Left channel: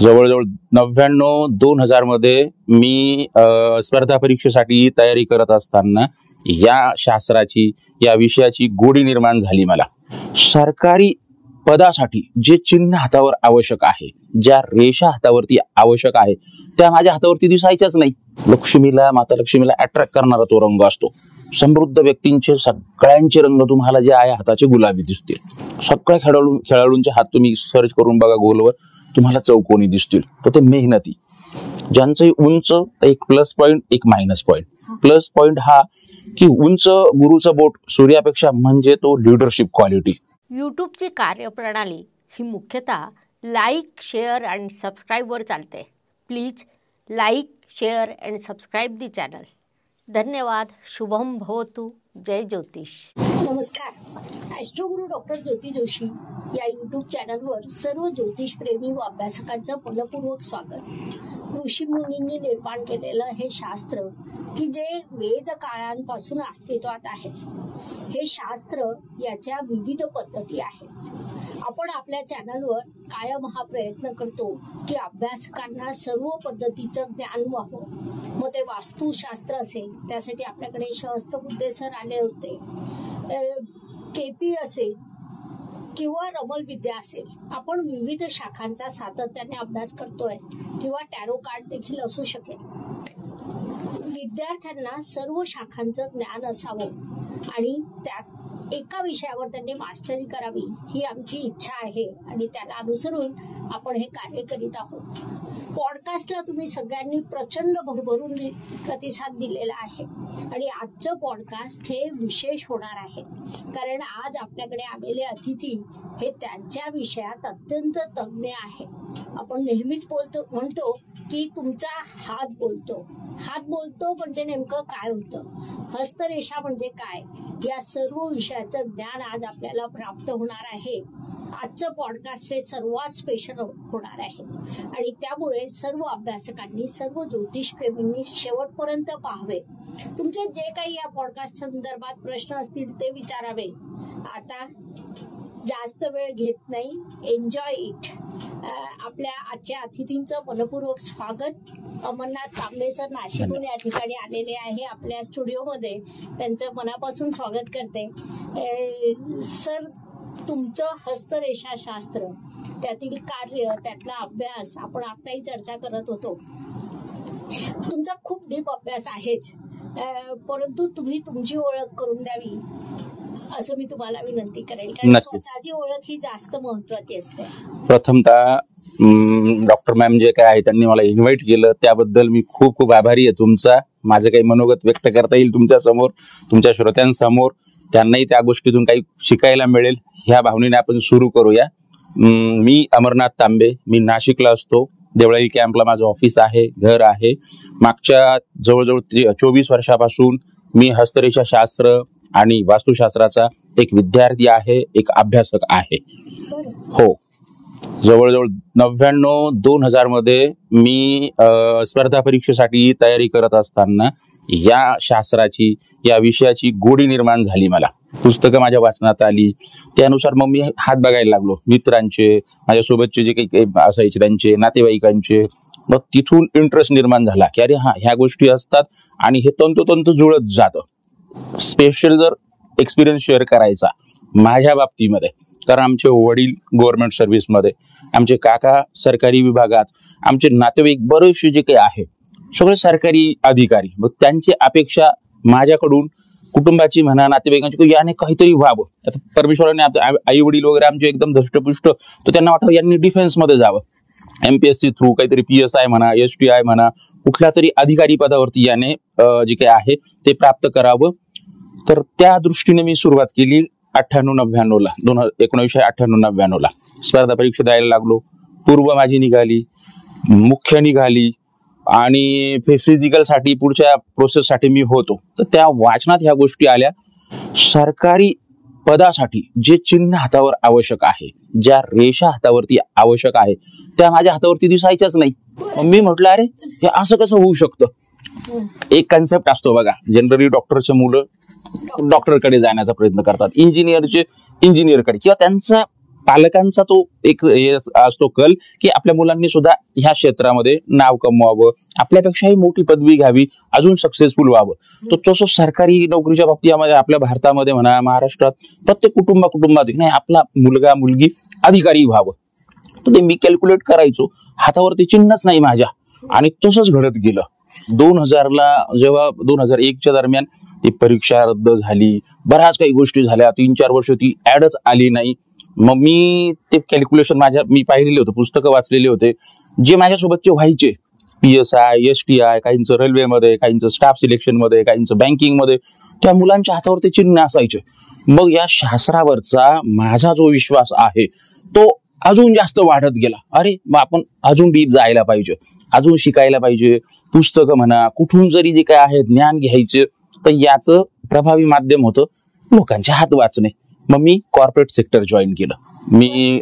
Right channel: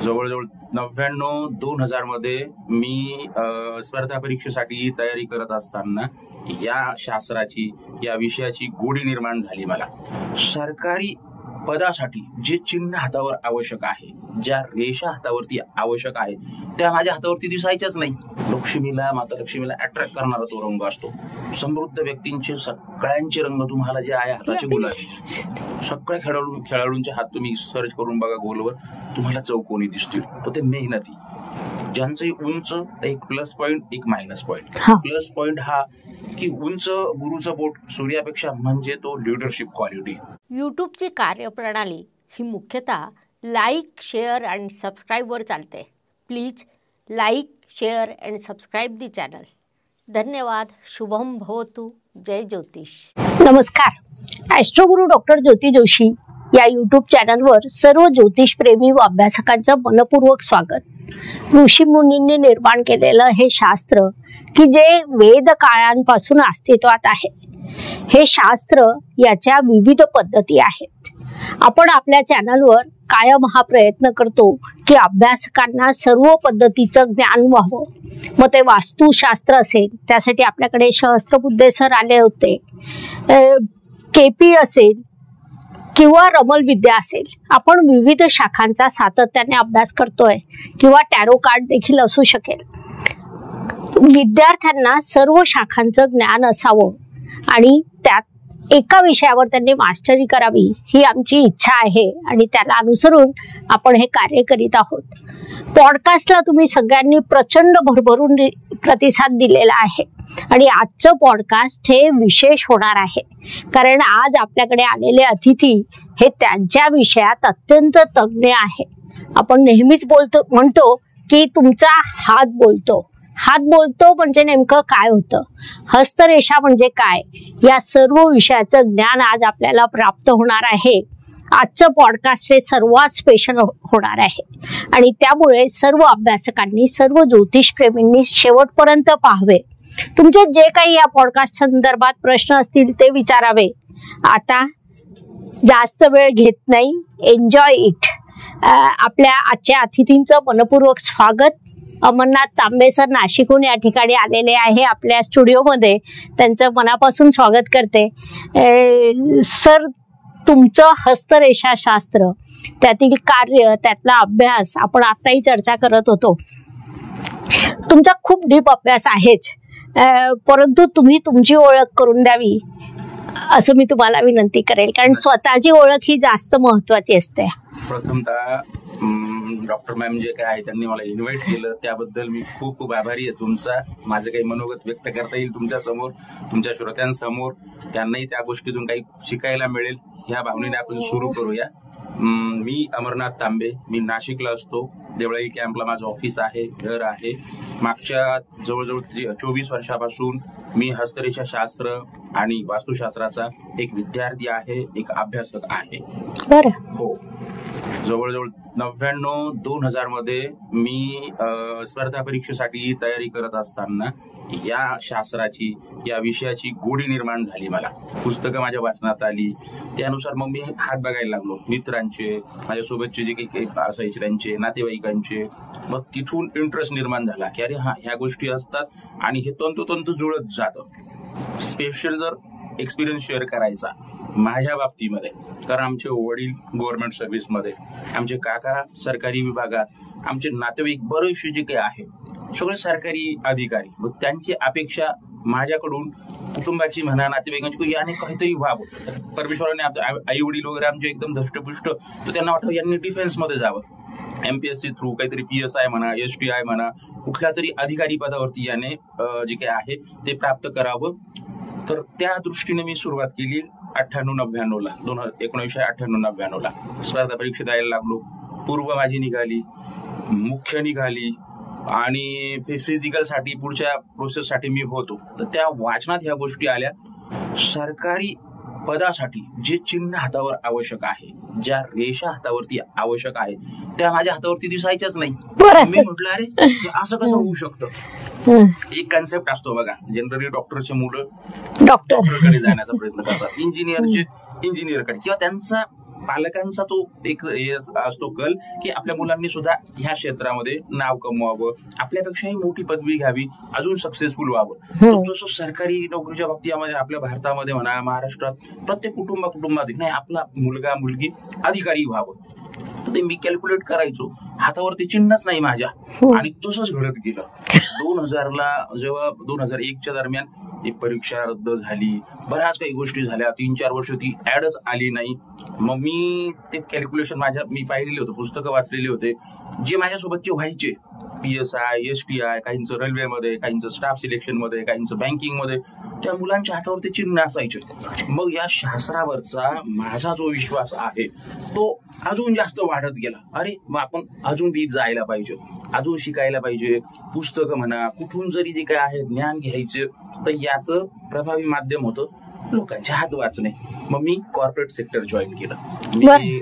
जवळजवळ 99-2000 मध्ये मी स्पर्धा परीक्षेसाठी तयारी करत असताना या शास्त्राची, या विषयाची गोडी निर्माण झाली मला. सरकारी पदासाठी जे चिन्ह हातावर आवश्यक आहे, ज्या रेषा हातावरती आवश्यक आहे, त्या माझ्या हातावरती दिसायच्याच नाही. लक्ष्मीला, माता लक्ष्मीला अट्रॅक्ट करणारा तो रंग असतो. समृद्ध व्यक्तींचे सगळ्यांचे रंग तुम्हाला जे आहे हाताचे गुलाबी दिसते. सगळ्या खेळाडूंचे हात तुम्ही सर्च करून बघा गोलवर, तुम्हाला चौकोनी दिसतील. तर ते मेहनती, ज्यांचे उंच, एक प्लस पॉइंट एक मायनस पॉइंट. प्लस पॉइंट हा की उंच गुरुचं बोट सूर्यापेक्षा, म्हणजे तो लिडरशिप क्वालिटी. यूट्यूबची कार्यप्रणाली ही मुख्यतः लाईक, शेअर आणि सबस्क्राईबवर चालते. Please like, share and subscribe the channel. धन्यवाद. शुभम भवतु. जय ज्योतिष. नमस्कार. ॲस्ट्रोगुरू डॉक्टर ज्योती जोशी या यूट्यूब चॅनलवर सर्व ज्योतिषप्रेमी व अभ्यासकांचं मनपूर्वक स्वागत. ऋषीमुनींनी निर्माण केलेलं हे शास्त्र की जे वेद काळांपासून अस्तित्वात आहे. हे शास्त्र याच्या विविध पद्धती आहेत. आपण आपल्या चॅनलवर कायम हा प्रयत्न करतो की अभ्यासकांना सर्व पद्धतीचं ज्ञान व्हावं. मग ते वास्तुशास्त्र असेल, त्यासाठी आपल्याकडे सहस्त्रबुद्धे सर आले होते, केपी असेल किंवा रमल विद्या असेल. आपण विविध शाखांचा सातत्याने अभ्यास करतोय, किंवा टॅरो कार्ड देखील असू शकेल. विद्यार्थ्यांना सर्व शाखांचं ज्ञान असावं आणि त्यात एका विषयावर त्यांनी मास्टरी करावी, ही आमची इच्छा आहे आणि त्याला अनुसरून आपण हे कार्य करीत आहोत. पॉडकास्टला तुम्ही सगळ्यांनी प्रचंड भरभरून प्रतिसाद दिलेला आहे आणि आजचं पॉडकास्ट हे विशेष होणार आहे, कारण आज आपल्याकडे आलेले अतिथी हे त्यांच्या विषयात अत्यंत तज्ञ आहे. आपण नेहमीच म्हणतो की तुमचा हात बोलतो. हात बोलतो म्हणजे नेमकं काय होतं, हस्तरेषा म्हणजे काय, या सर्व विषयाचं ज्ञान आज आपल्याला प्राप्त होणार आहे. आजचं पॉडकास्ट हे सर्वात स्पेशल होणार आहे आणि त्यामुळे सर्व अभ्यासकांनी, सर्व ज्योतिषप्रेमींनी शेवटपर्यंत पाहावे. तुमचे जे काही या पॉडकास्ट संदर्भात प्रश्न असतील ते विचारावे. आता जास्त वेळ घेत नाही, एन्जॉय इट. आपल्या आजच्या अतिथींचं मनपूर्वक स्वागत. अमरनाथ तांबे सर नाशिकहून या ठिकाणी आलेले आहे आपल्या स्टुडिओमध्ये. त्यांचं मनापासून स्वागत करते. सर, तुमचं हस्तरेषा शास्त्र, त्यातील कार्य, त्यातला अभ्यास आपण आताही चर्चा करत होतो. तुमचा खूप डीप अभ्यास आहेच, परंतु तुम्ही तुमची ओळख करून द्यावी असं मी तुम्हाला विनंती करेल, कारण स्वतःची ओळख ही जास्त महत्वाची असते. प्रथमतः डॉक्टर मॅम जे काय आहे त्यांनी मला इन्व्हाइट केलं त्याबद्दल मी खूप खूप आभारी आहे तुमचा. माझं काही मनोगत व्यक्त करता येईल तुमच्या समोर, तुमच्या श्रोत्यांसमोर, त्यांनाही त्या गोष्टीतून काही शिकायला मिळेल, ह्या भावनेने आपण सुरू करूया. मी अमरनाथ तांबे, मी नाशिकला असतो. देवळाई कॅम्पला माझं ऑफिस आहे, घर आहे. मागच्या जवळजवळ 24 वर्षापासून मी हस्तरेषा शास्त्र आणि वास्तुशास्त्राचा एक विद्यार्थी आहे, एक अभ्यासक आहे. हो, जवळजवळ 99-2000 मध्ये मी स्पर्धा परीक्षेसाठी तयारी करत असताना या शास्त्राची, या विषयाची गोडी निर्माण झाली मला. पुस्तकं माझ्या वाचनात आली, त्यानुसार मग मी हात बघायला लागलो. मित्रांचे, माझ्यासोबतचे जे काही असायचे त्यांचे, नातेवाईकांचे. मग तिथून इंटरेस्ट निर्माण झाला की अरे हा, ह्या गोष्टी असतात आणि हे तंतोतंत जुळत जातं. स्पेशल जर एक्सपिरियन्स शेअर करायचा माझ्या बाबतीमध्ये, कारण आमचे वडील गव्हर्नमेंट सर्व्हिसमध्ये, आमचे काका सरकारी विभागात, आमचे नातेवाईक बरेचसे जे काही आहे सगळे सरकारी अधिकारी. मग त्यांची अपेक्षा माझ्याकडून, कुटुंबाची म्हणा, नातेवाईकांची, की याने काहीतरी व्हावं. आता परमेश्वराने आई वडील वगैरे आमचे एकदम धष्टपुष्ट, तर त्यांना वाटावं यांनी डिफेन्समध्ये जावं, MPSC थ्रू काहीतरी PSI म्हणा, STI म्हणा, कुठल्या तरी अधिकारी पदावरती याने जे काही आहे ते प्राप्त करावं. तर त्या दृष्टीने मी सुरुवात केली 98-99ला, 1998-99ला स्पर्धा परीक्षा द्यायला लागलो. पूर्व माझी निघाली, मुख्य निघाली आणि फिजिकलसाठी पुढच्या प्रोसेससाठी मी होतो. तर त्या वाचनात ह्या गोष्टी आल्या. सरकारी पदासाठी जे चिन्ह हातावर आवश्यक आहे, ज्या रेषा हातावरती आवश्यक आहे, त्या माझ्या हातावरती दिसायच्याच नाही. मी म्हटलं अरे हे असं कसं होऊ शकतं. एक कन्सेप्ट असतो बघा, जनरली डॉक्टरचे मुलं डॉक्टरकडे जाण्याचा प्रयत्न करतात, इंजिनियरचे इंजिनियरकडे, किंवा त्यांचा पालकांचा तो एक असतो कल की आपल्या मुलांनी सुद्धा ह्या क्षेत्रामध्ये नाव कमवावं, आपल्यापेक्षाही मोठी पदवी घ्यावी, अजून सक्सेसफुल व्हावं. तर तसं सरकारी नोकरीच्या बाबतीमध्ये आपल्या भारतामध्ये म्हणा, महाराष्ट्रात प्रत्येक कुटुंबात नाही आपला मुलगा मुलगी अधिकारी व्हावं. तर ते मी कॅल्क्युलेट करायचो, हातावरती चिन्हच नाही माझ्या, आणि तसंच घडत गेलं. 2000ला जेव्हा 2001च्या दरम्यान ती परीक्षा रद्द झाली, बऱ्याच काही गोष्टी झाल्या, 3-4 वर्ष ती ऍडच आली नाही. मग मी ते कॅल्क्युलेशन मी पाहिलेले होते, पुस्तकं वाचलेले होते, जे माझ्यासोबतचे व्हायचे, PSI, STI, काहींचं रेल्वेमध्ये, काहींचं स्टाफ सिलेक्शन मध्ये, काहींचं बँकिंग मध्ये, त्या मुलांच्या हातावरती चिन्ह असायचे. मग या शास्त्रावरचा माझा जो विश्वास आहे तो अजून जास्त वाढत गेला. अरे मग आपण अजून डीप जायला पाहिजे, अजून शिकायला पाहिजे. पुस्तकं म्हणा, कुठून जरी जे काय आहे ज्ञान घ्यायचे, तर याचं प्रभावी माध्यम होतं लोकांचे हात वाचणे. मग मी कॉर्पोरेट सेक्टर जॉईन केलं. मी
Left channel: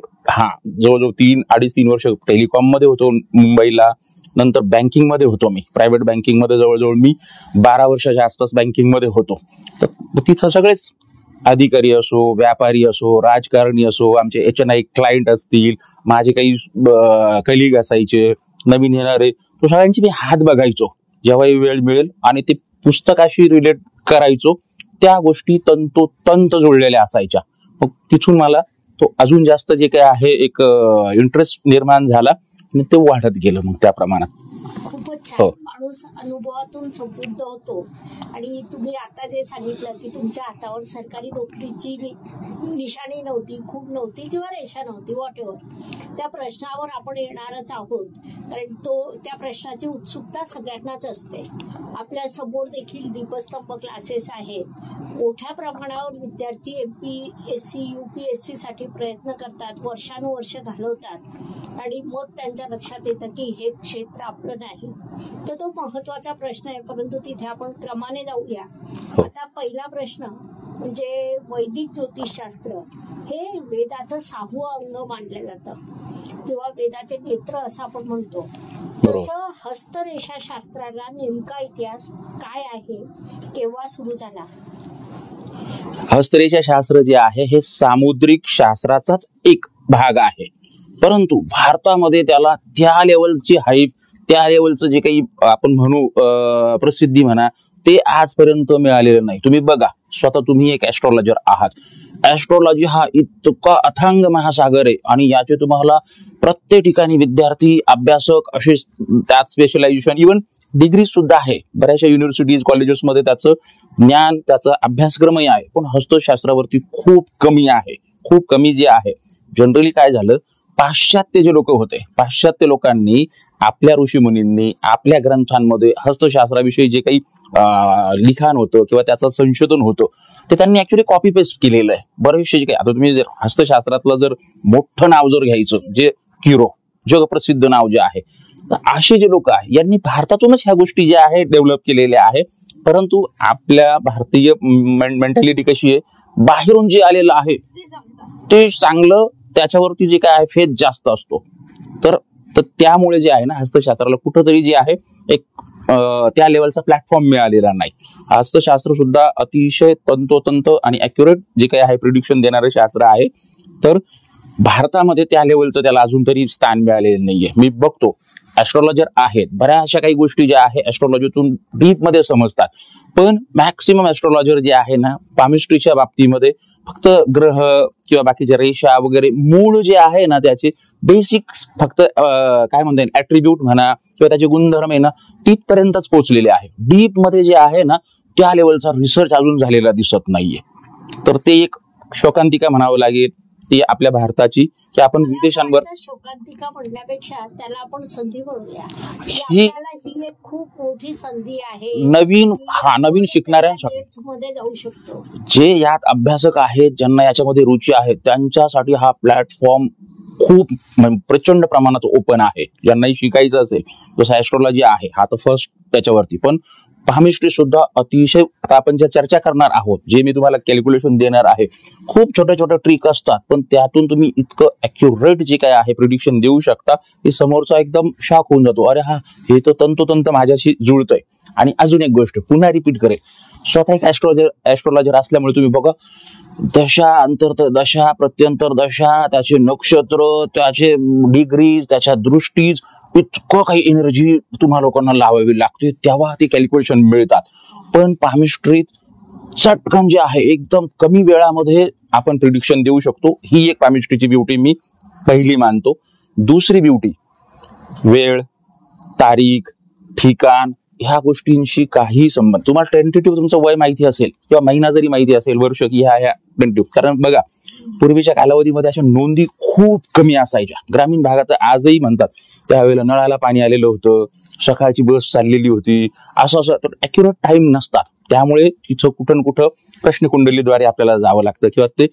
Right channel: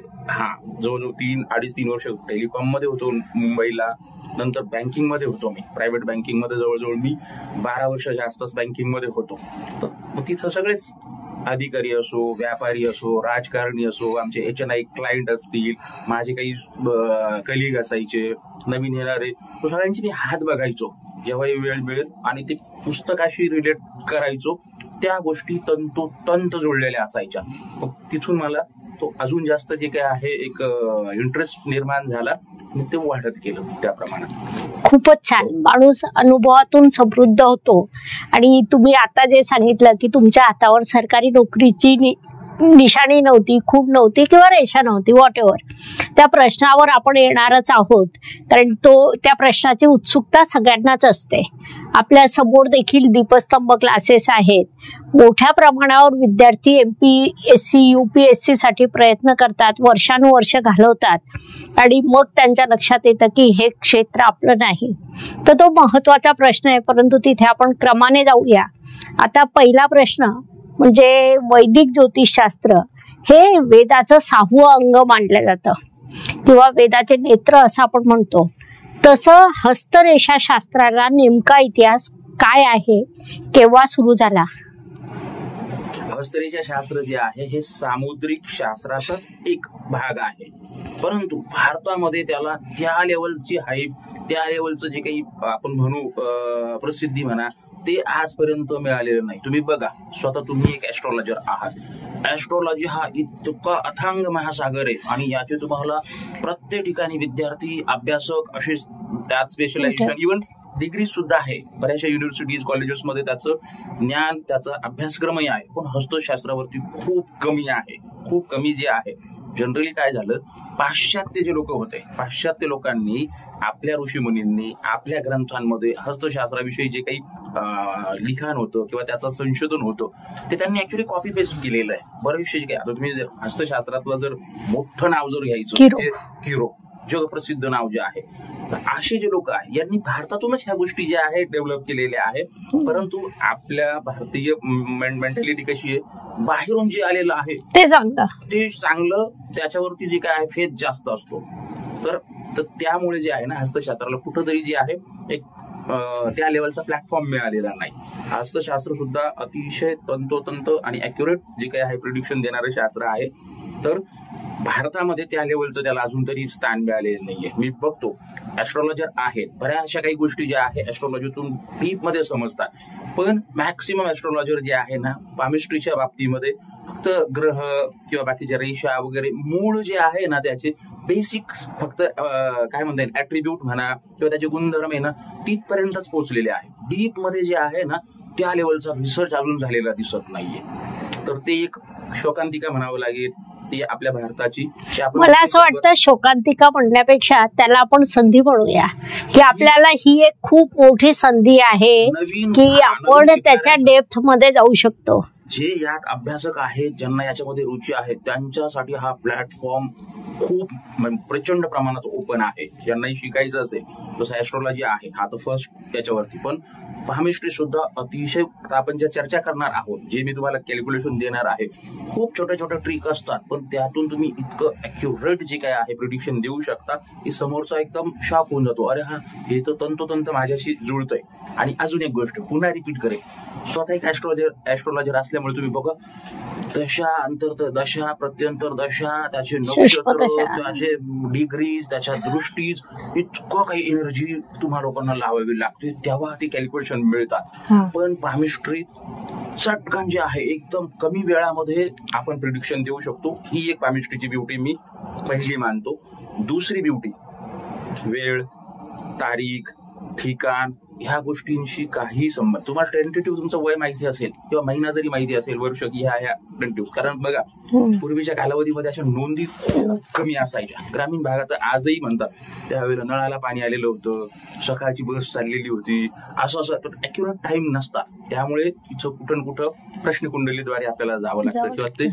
जवळजवळ 3-3.5 वर्ष टेलिकॉम मध्ये होतो मुंबईला. नंतर बँकिंग मध्ये होतो मी, प्रायव्हेट बँकिंग मध्ये जवळजवळ मी 12 वर्षाच्या आसपास बँकिंग मध्ये होतो. तर तिथं सगळेच अधिकारी असो, व्यापारी असो, राजकारणी असो, आमचे HNI क्लायंट असतील, माझे काही कलिग असायचे, नवीन येणारे, तो सगळ्यांची मी हात बघायचो जेव्हाही वेळ मिळेल, आणि ते पुस्तकाशी रिलेट करायचो. त्या गोष्टी तंतोतंत जुळलेल्या असायच्या. मग तिथून मला तो अजून जास्त जे काय आहे एक इंटरेस्ट निर्माण झाला, आणि ते वाढत गेलं मग त्या प्रमाणात. खूपच छान. माणूस अनुभवातून समृद्ध होतो. आणि तुम्ही आता जे सांगितलं की तुमच्या हातावर सरकारी नोकरीची निशाणी नव्हती, खूप नव्हती, किंवा रेषा नव्हती, व्हॉट एव्हर, त्या प्रश्नावर आपण येणारच आहोत, कारण त्या प्रश्नाची उत्सुकता सगळ्यांनाच असते. आपल्या समोर देखील दीपस्तंभ क्लासेस आहेत. मोठ्या प्रमाणावर विद्यार्थी MPSC UPSC साठी प्रयत्न करतात, वर्षानुवर्ष घालवतात, आणि मग त्यांच्या लक्षात येतं की हे क्षेत्र आपलं नाही. तर तो महत्वाचा प्रश्न आहे, परंतु तिथे आपण क्रमाने जाऊया. आता पहिला प्रश्न म्हणजे वैदिक ज्योतिषशास्त्र हे वेदाचं 6वं अंग मानलं जातं, किंवा वेदाचे नेत्र असं आपण म्हणतो. तसं हस्तरेषा शास्त्राला नेमका इतिहास काय आहे, केव्हा सुरू झाला? हस्तरेषा शास्त्र जे आहे हे सामुद्रिक शास्त्राचाच एक भाग आहे, परंतु भारतामध्ये त्याला त्या लेवलची हाईप, त्या लेवलचं जे काही आपण म्हणू प्रसिद्धी म्हणा, ते आजपर्यंत मिळालेलं नाही. तुम्ही बघा, स्वतः तुम्ही एक ऍस्ट्रॉलॉजर आहात. ऍस्ट्रॉलॉजी हा इतका अथांग महासागर आहे, आणि याचे तुम्हाला प्रत्येक ठिकाणी विद्यार्थी, अभ्यासक असे त्यात स्पेशलायझेशन, इव्हन डिग्री सुद्धा आहे. बऱ्याचशा युनिव्हर्सिटीज, कॉलेजेसमध्ये त्याचं ज्ञान, त्याचा अभ्यासक्रमही आहे. पण हस्तशास्त्रावरती खूप कमी आहे, खूप कमी जे आहे. जनरली काय झालं, पाश्चात्य जे लोक होते, पाश्चात्य लोकांनी आपल्या ऋषीमुनींनी आपल्या ग्रंथांमध्ये हस्तशास्त्राविषयी जे काही लिखाण होतं किंवा त्याचं संशोधन होतं, ते त्यांनी ऍक्च्युली कॉपी पेस्ट केलेलं आहे. बरेचसे जे काही, आता तुम्ही जर हस्तशास्त्रातलं जर मोठं नाव जर घ्यायचं, जे किरो, जगप्रसिद्ध नाव जे आहे, असे जे लोक आहे यांनी भारतातूनच ह्या गोष्टी ज्या आहेत डेव्हलप केलेल्या आहे. परंतु आपल्या भारतीय मेंटॅलिटी कशी आहे, बाहेरून जे आलेलं आहे ते चांगलं, त्याच्यावरती जे काय आहे फेथ जास्त असतो. तर त्यामुळे जे आहे ना, हस्तशास्त्राला कुठंतरी जे आहे एक त्या लेवलचा प्लॅटफॉर्म मिळालेला नाही. हस्तशास्त्र सुद्धा अतिशय तंतोतंत आणि अॅक्युरेट जे काही आहे प्रिडिक्शन देणारं शास्त्र आहे. तर भारतामध्ये त्या लेवलचं त्याला अजून तरी स्थान मिळालेलं नाहीये. मी बघतो ऍस्ट्रॉलॉजर आहेत, बऱ्याचशा काही गोष्टी ज्या आहे ऍस्ट्रॉलॉजीतून डीप मध्ये समजतात, पण मॅक्सिमम ऍस्ट्रॉलॉजर जे आहे ना, पामिस्ट्रीच्या बाबतीमध्ये फक्त ग्रह किंवा बाकीच्या रेषा वगैरे मूळ जे आहे ना, त्याचे बेसिक फक्त काय म्हणता येईल ऍट्रिब्यूट म्हणा किंवा त्याचे गुणधर्म आहे ना, तिथपर्यंतच पोहोचलेले आहे. डीप मध्ये जे आहे ना, त्या लेवलचा रिसर्च अजून झालेला दिसत नाहीये. तर ते एक शोकांतिका म्हणावं लागेल ती आपल्या भारताची. मला असं वाटतं शोकांतिका म्हणण्यापेक्षा त्याला आपण संधी म्हणूया, की आपल्याला ही एक खूप मोठी संधी आहे, नवीन की आपण त्याच्या डेप्थ मध्ये जाऊ शकतो. जे यात अभ्यासक आहेत, ज्यांना याच्यामध्ये रुची आहे, त्यांच्यासाठी हा प्लॅटफॉर्म खूप प्रचंड प्रमाणात ओपन आहे. ज्यांनाही शिकायचं असेल, जसं ऍस्ट्रॉलॉजी आहे हा तर फर्स्ट त्याच्यावरती, पण पामिस्ट्री सुद्धा अतिशय, आता आपण ज्या चर्चा करणार आहोत, जे मी तुम्हाला कॅल्क्युलेशन देणार आहे, खूप छोट्या छोट्या ट्रिक असतात, पण त्यातून तुम्ही इतकं ॲक्युरेट जे काय आहे प्रिडिक्शन देऊ शकता की समोरचा एकदम शॉक होऊन जातो. अरे हा, हे तर तंतोतंत माझ्याशी जुळतंय. आणि अजून एक गोष्ट पुन्हा रिपीट करेल, स्वतः एक ऍस्ट्रोलॉजर असल्यामुळे तुम्ही बघा दशा अंतर्तर दशा प्रत्यंतर दशा, त्याचे नक्षत्र, त्याचे डिग्रीज, त्याच्या दृष्टीज, इतकं काही एनर्जी तुम्हा लोकांना लावावी लागते तेव्हा ती कॅल्क्युलेशन मिळतात. पण पामिस्ट्रीत चटकन जे आहे एकदम कमी वेळामध्ये आपण प्रिडिक्शन देऊ शकतो. ही एक पामिस्ट्रीची ब्युटी मी पहिली मानतो. दुसरी ब्युटी वेळ, तारीख, ठिकाण ह्या गोष्टींशी काही संबंध. तुम्हाला टेंटेटिव्ह तुमचं वय माहिती असेल किंवा महिना जरी माहिती असेल, वर्ष की ह्या टेंटेटिव्ह, कारण बघा पूर्वीच्या कालावधीमध्ये अशा नोंदी खूप कमी असायच्या. ग्रामीण भागात आजही म्हणतात त्यावेळेला नळाला पाणी आलेलं होतं, सकाळची बस चाललेली होती, असं ऍक्युरेट टाइम नसतात. त्यामुळे तिथं कुठं प्रश्नकुंडलीद्वारे आपल्याला जावं लागतं किंवा ते.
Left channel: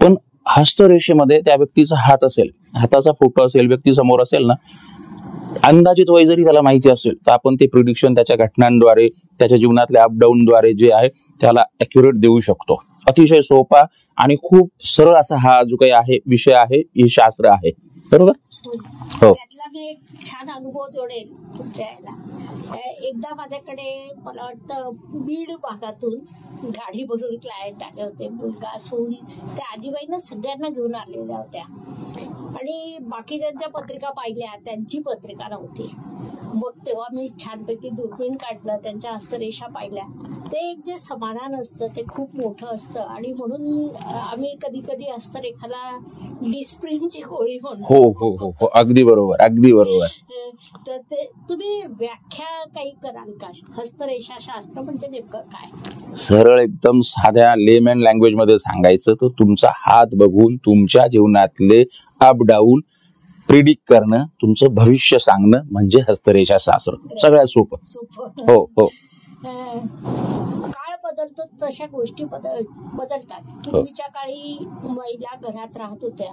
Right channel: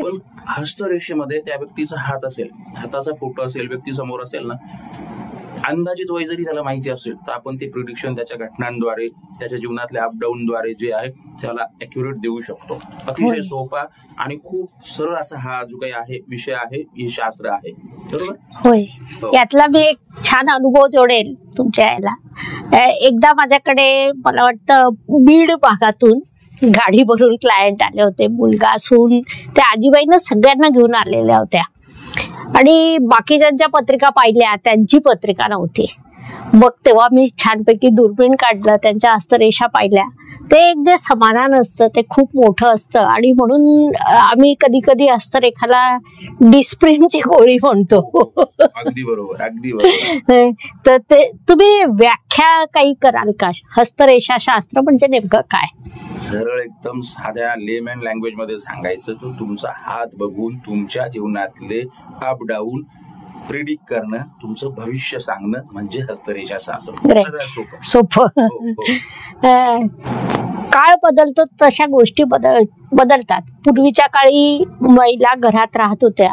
पण हस्तरेषेमध्ये त्या व्यक्तीचा हात असेल, हाताचा फोटो असेल, व्यक्ती समोर असेल ना, अंदाजित वय जरी त्याला माहिती असेल तर आपण ते प्रिडिक्शन त्याच्या घटनांद्वारे, त्याच्या जीवनातल्या अपडाऊनद्वारे जे आहे त्याला ऍक्युरेट देऊ शकतो. अतिशय सोपा आणि खूप सरळ असा हा जो काही आहे विषय आहे, हे शास्त्र आहे. बरोबर. होय. यातला मी एक छान अनुभव जोडेल तुमच्या याला. एकदा माझ्याकडे मला वाटतं बीड भागातून गाडी भरून क्लायंट आले होते. मुलगा, सून, त्या आजीबाईनं सगळ्यांना घेऊन आलेल्या होत्या आणि बाकीच्यांच्या पत्रिका पाहिल्या, त्यांची पत्रिका नव्हती. मग तेव्हा मी छानपैकी दुर्बीण काढलं, त्यांच्या हस्तरेषा पाहिल्या. ते एक जे समाधान असतं ते खूप मोठं असतं आणि म्हणून आम्ही कधी कधी हस्तरेखाला डिस्प्रिनची गोळी म्हणतो. अगदी बरोबर, अगदी बरोबर. तर ते तुम्ही व्याख्या काही कराल का? हस्तरेषा शास्त्र म्हणजे नेमकं काय? सरळ एकदम साध्या लेमॅन लँग्वेज मध्ये सांगायचं तर तुमचा हात बघून तुमच्या जीवनातले अप डाऊन प्रिडिक्ट करणं, तुमचं भविष्य सांगणं म्हणजे हस्तरेषा शास्त्र. सगळ्यात सोपं. हो. काळ बदलतो तशा गोष्टी बदलतात. पूर्वीच्या काळी महिला घरात राहत होत्या,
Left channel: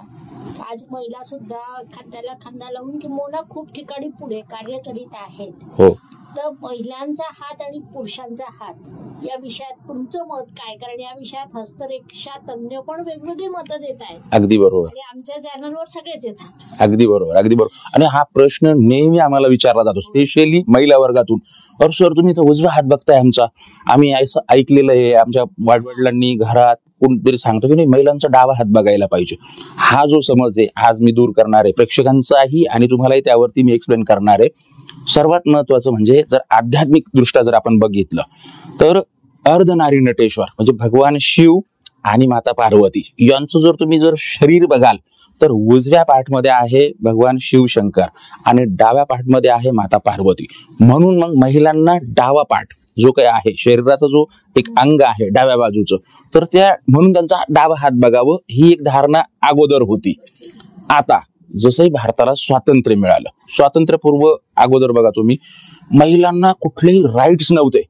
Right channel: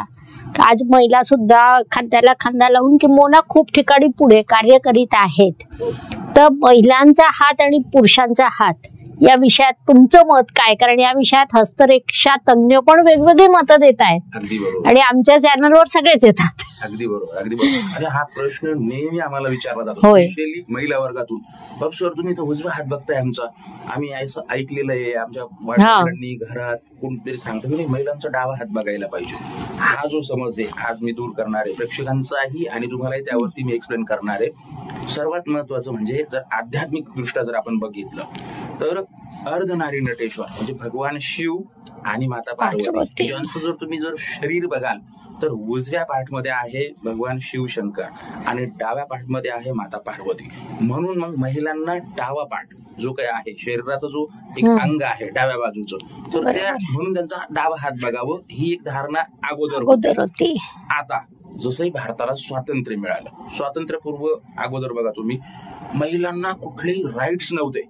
आज महिला सुद्धा खांद्याला खांदा लावून किंवा खूप ठिकाणी पुढे कार्य करीत आहेत. तर महिलांचा हात आणि पुरुषांचा हात या विषयात तुमचं मत काय? कारण या विषयात हस्तरेषा तज्ञ पण वेगवेगळी मतं देत आहेत. अगदी बरोबर. आणि आमच्या चॅनलवर सगळेच येतात. अगदी बरोबर, अगदी बरोबर. आणि हा प्रश्न नेहमी आम्हाला विचारला जातो, स्पेशली महिला वर्गातून. सर तुम्ही तर उजवा हात बघताय आमचा, आम्ही असं ऐकलेलं आहे, आमच्या वडिलांनी घरात कोणतरी सांगतो की नाही महिलांचा डावा हात बघायला पाहिजे. हा जो समज आहे आज मी दूर करणार आहे प्रेक्षकांचाही आणि तुम्हालाही त्यावरती मी एक्सप्लेन करणार आहे. सर्वात महत्वाचं म्हणजे जर आध्यात्मिक दृष्ट्या जर आपण बघितलं तर अर्धनारी नटेश्वर म्हणजे भगवान शिव आणि माता पार्वती यांचं जर शरीर बघाल तर उजव्या पाठमध्ये आहे भगवान शिवशंकर आणि डाव्या पाठमध्ये आहे माता पार्वती. म्हणून मग महिलांना डावा पाठ जो काही आहे शरीराचा जो एक अंग आहे डाव्या बाजूचं, तर त्या म्हणून त्यांचा डावा हात बघावं ही एक धारणा अगोदर होती. आता जसंही भारताला स्वातंत्र्य मिळालं, स्वातंत्र्यपूर्व अगोदर बघा तुम्ही, महिलांना कुठलेही राईट्स नव्हते.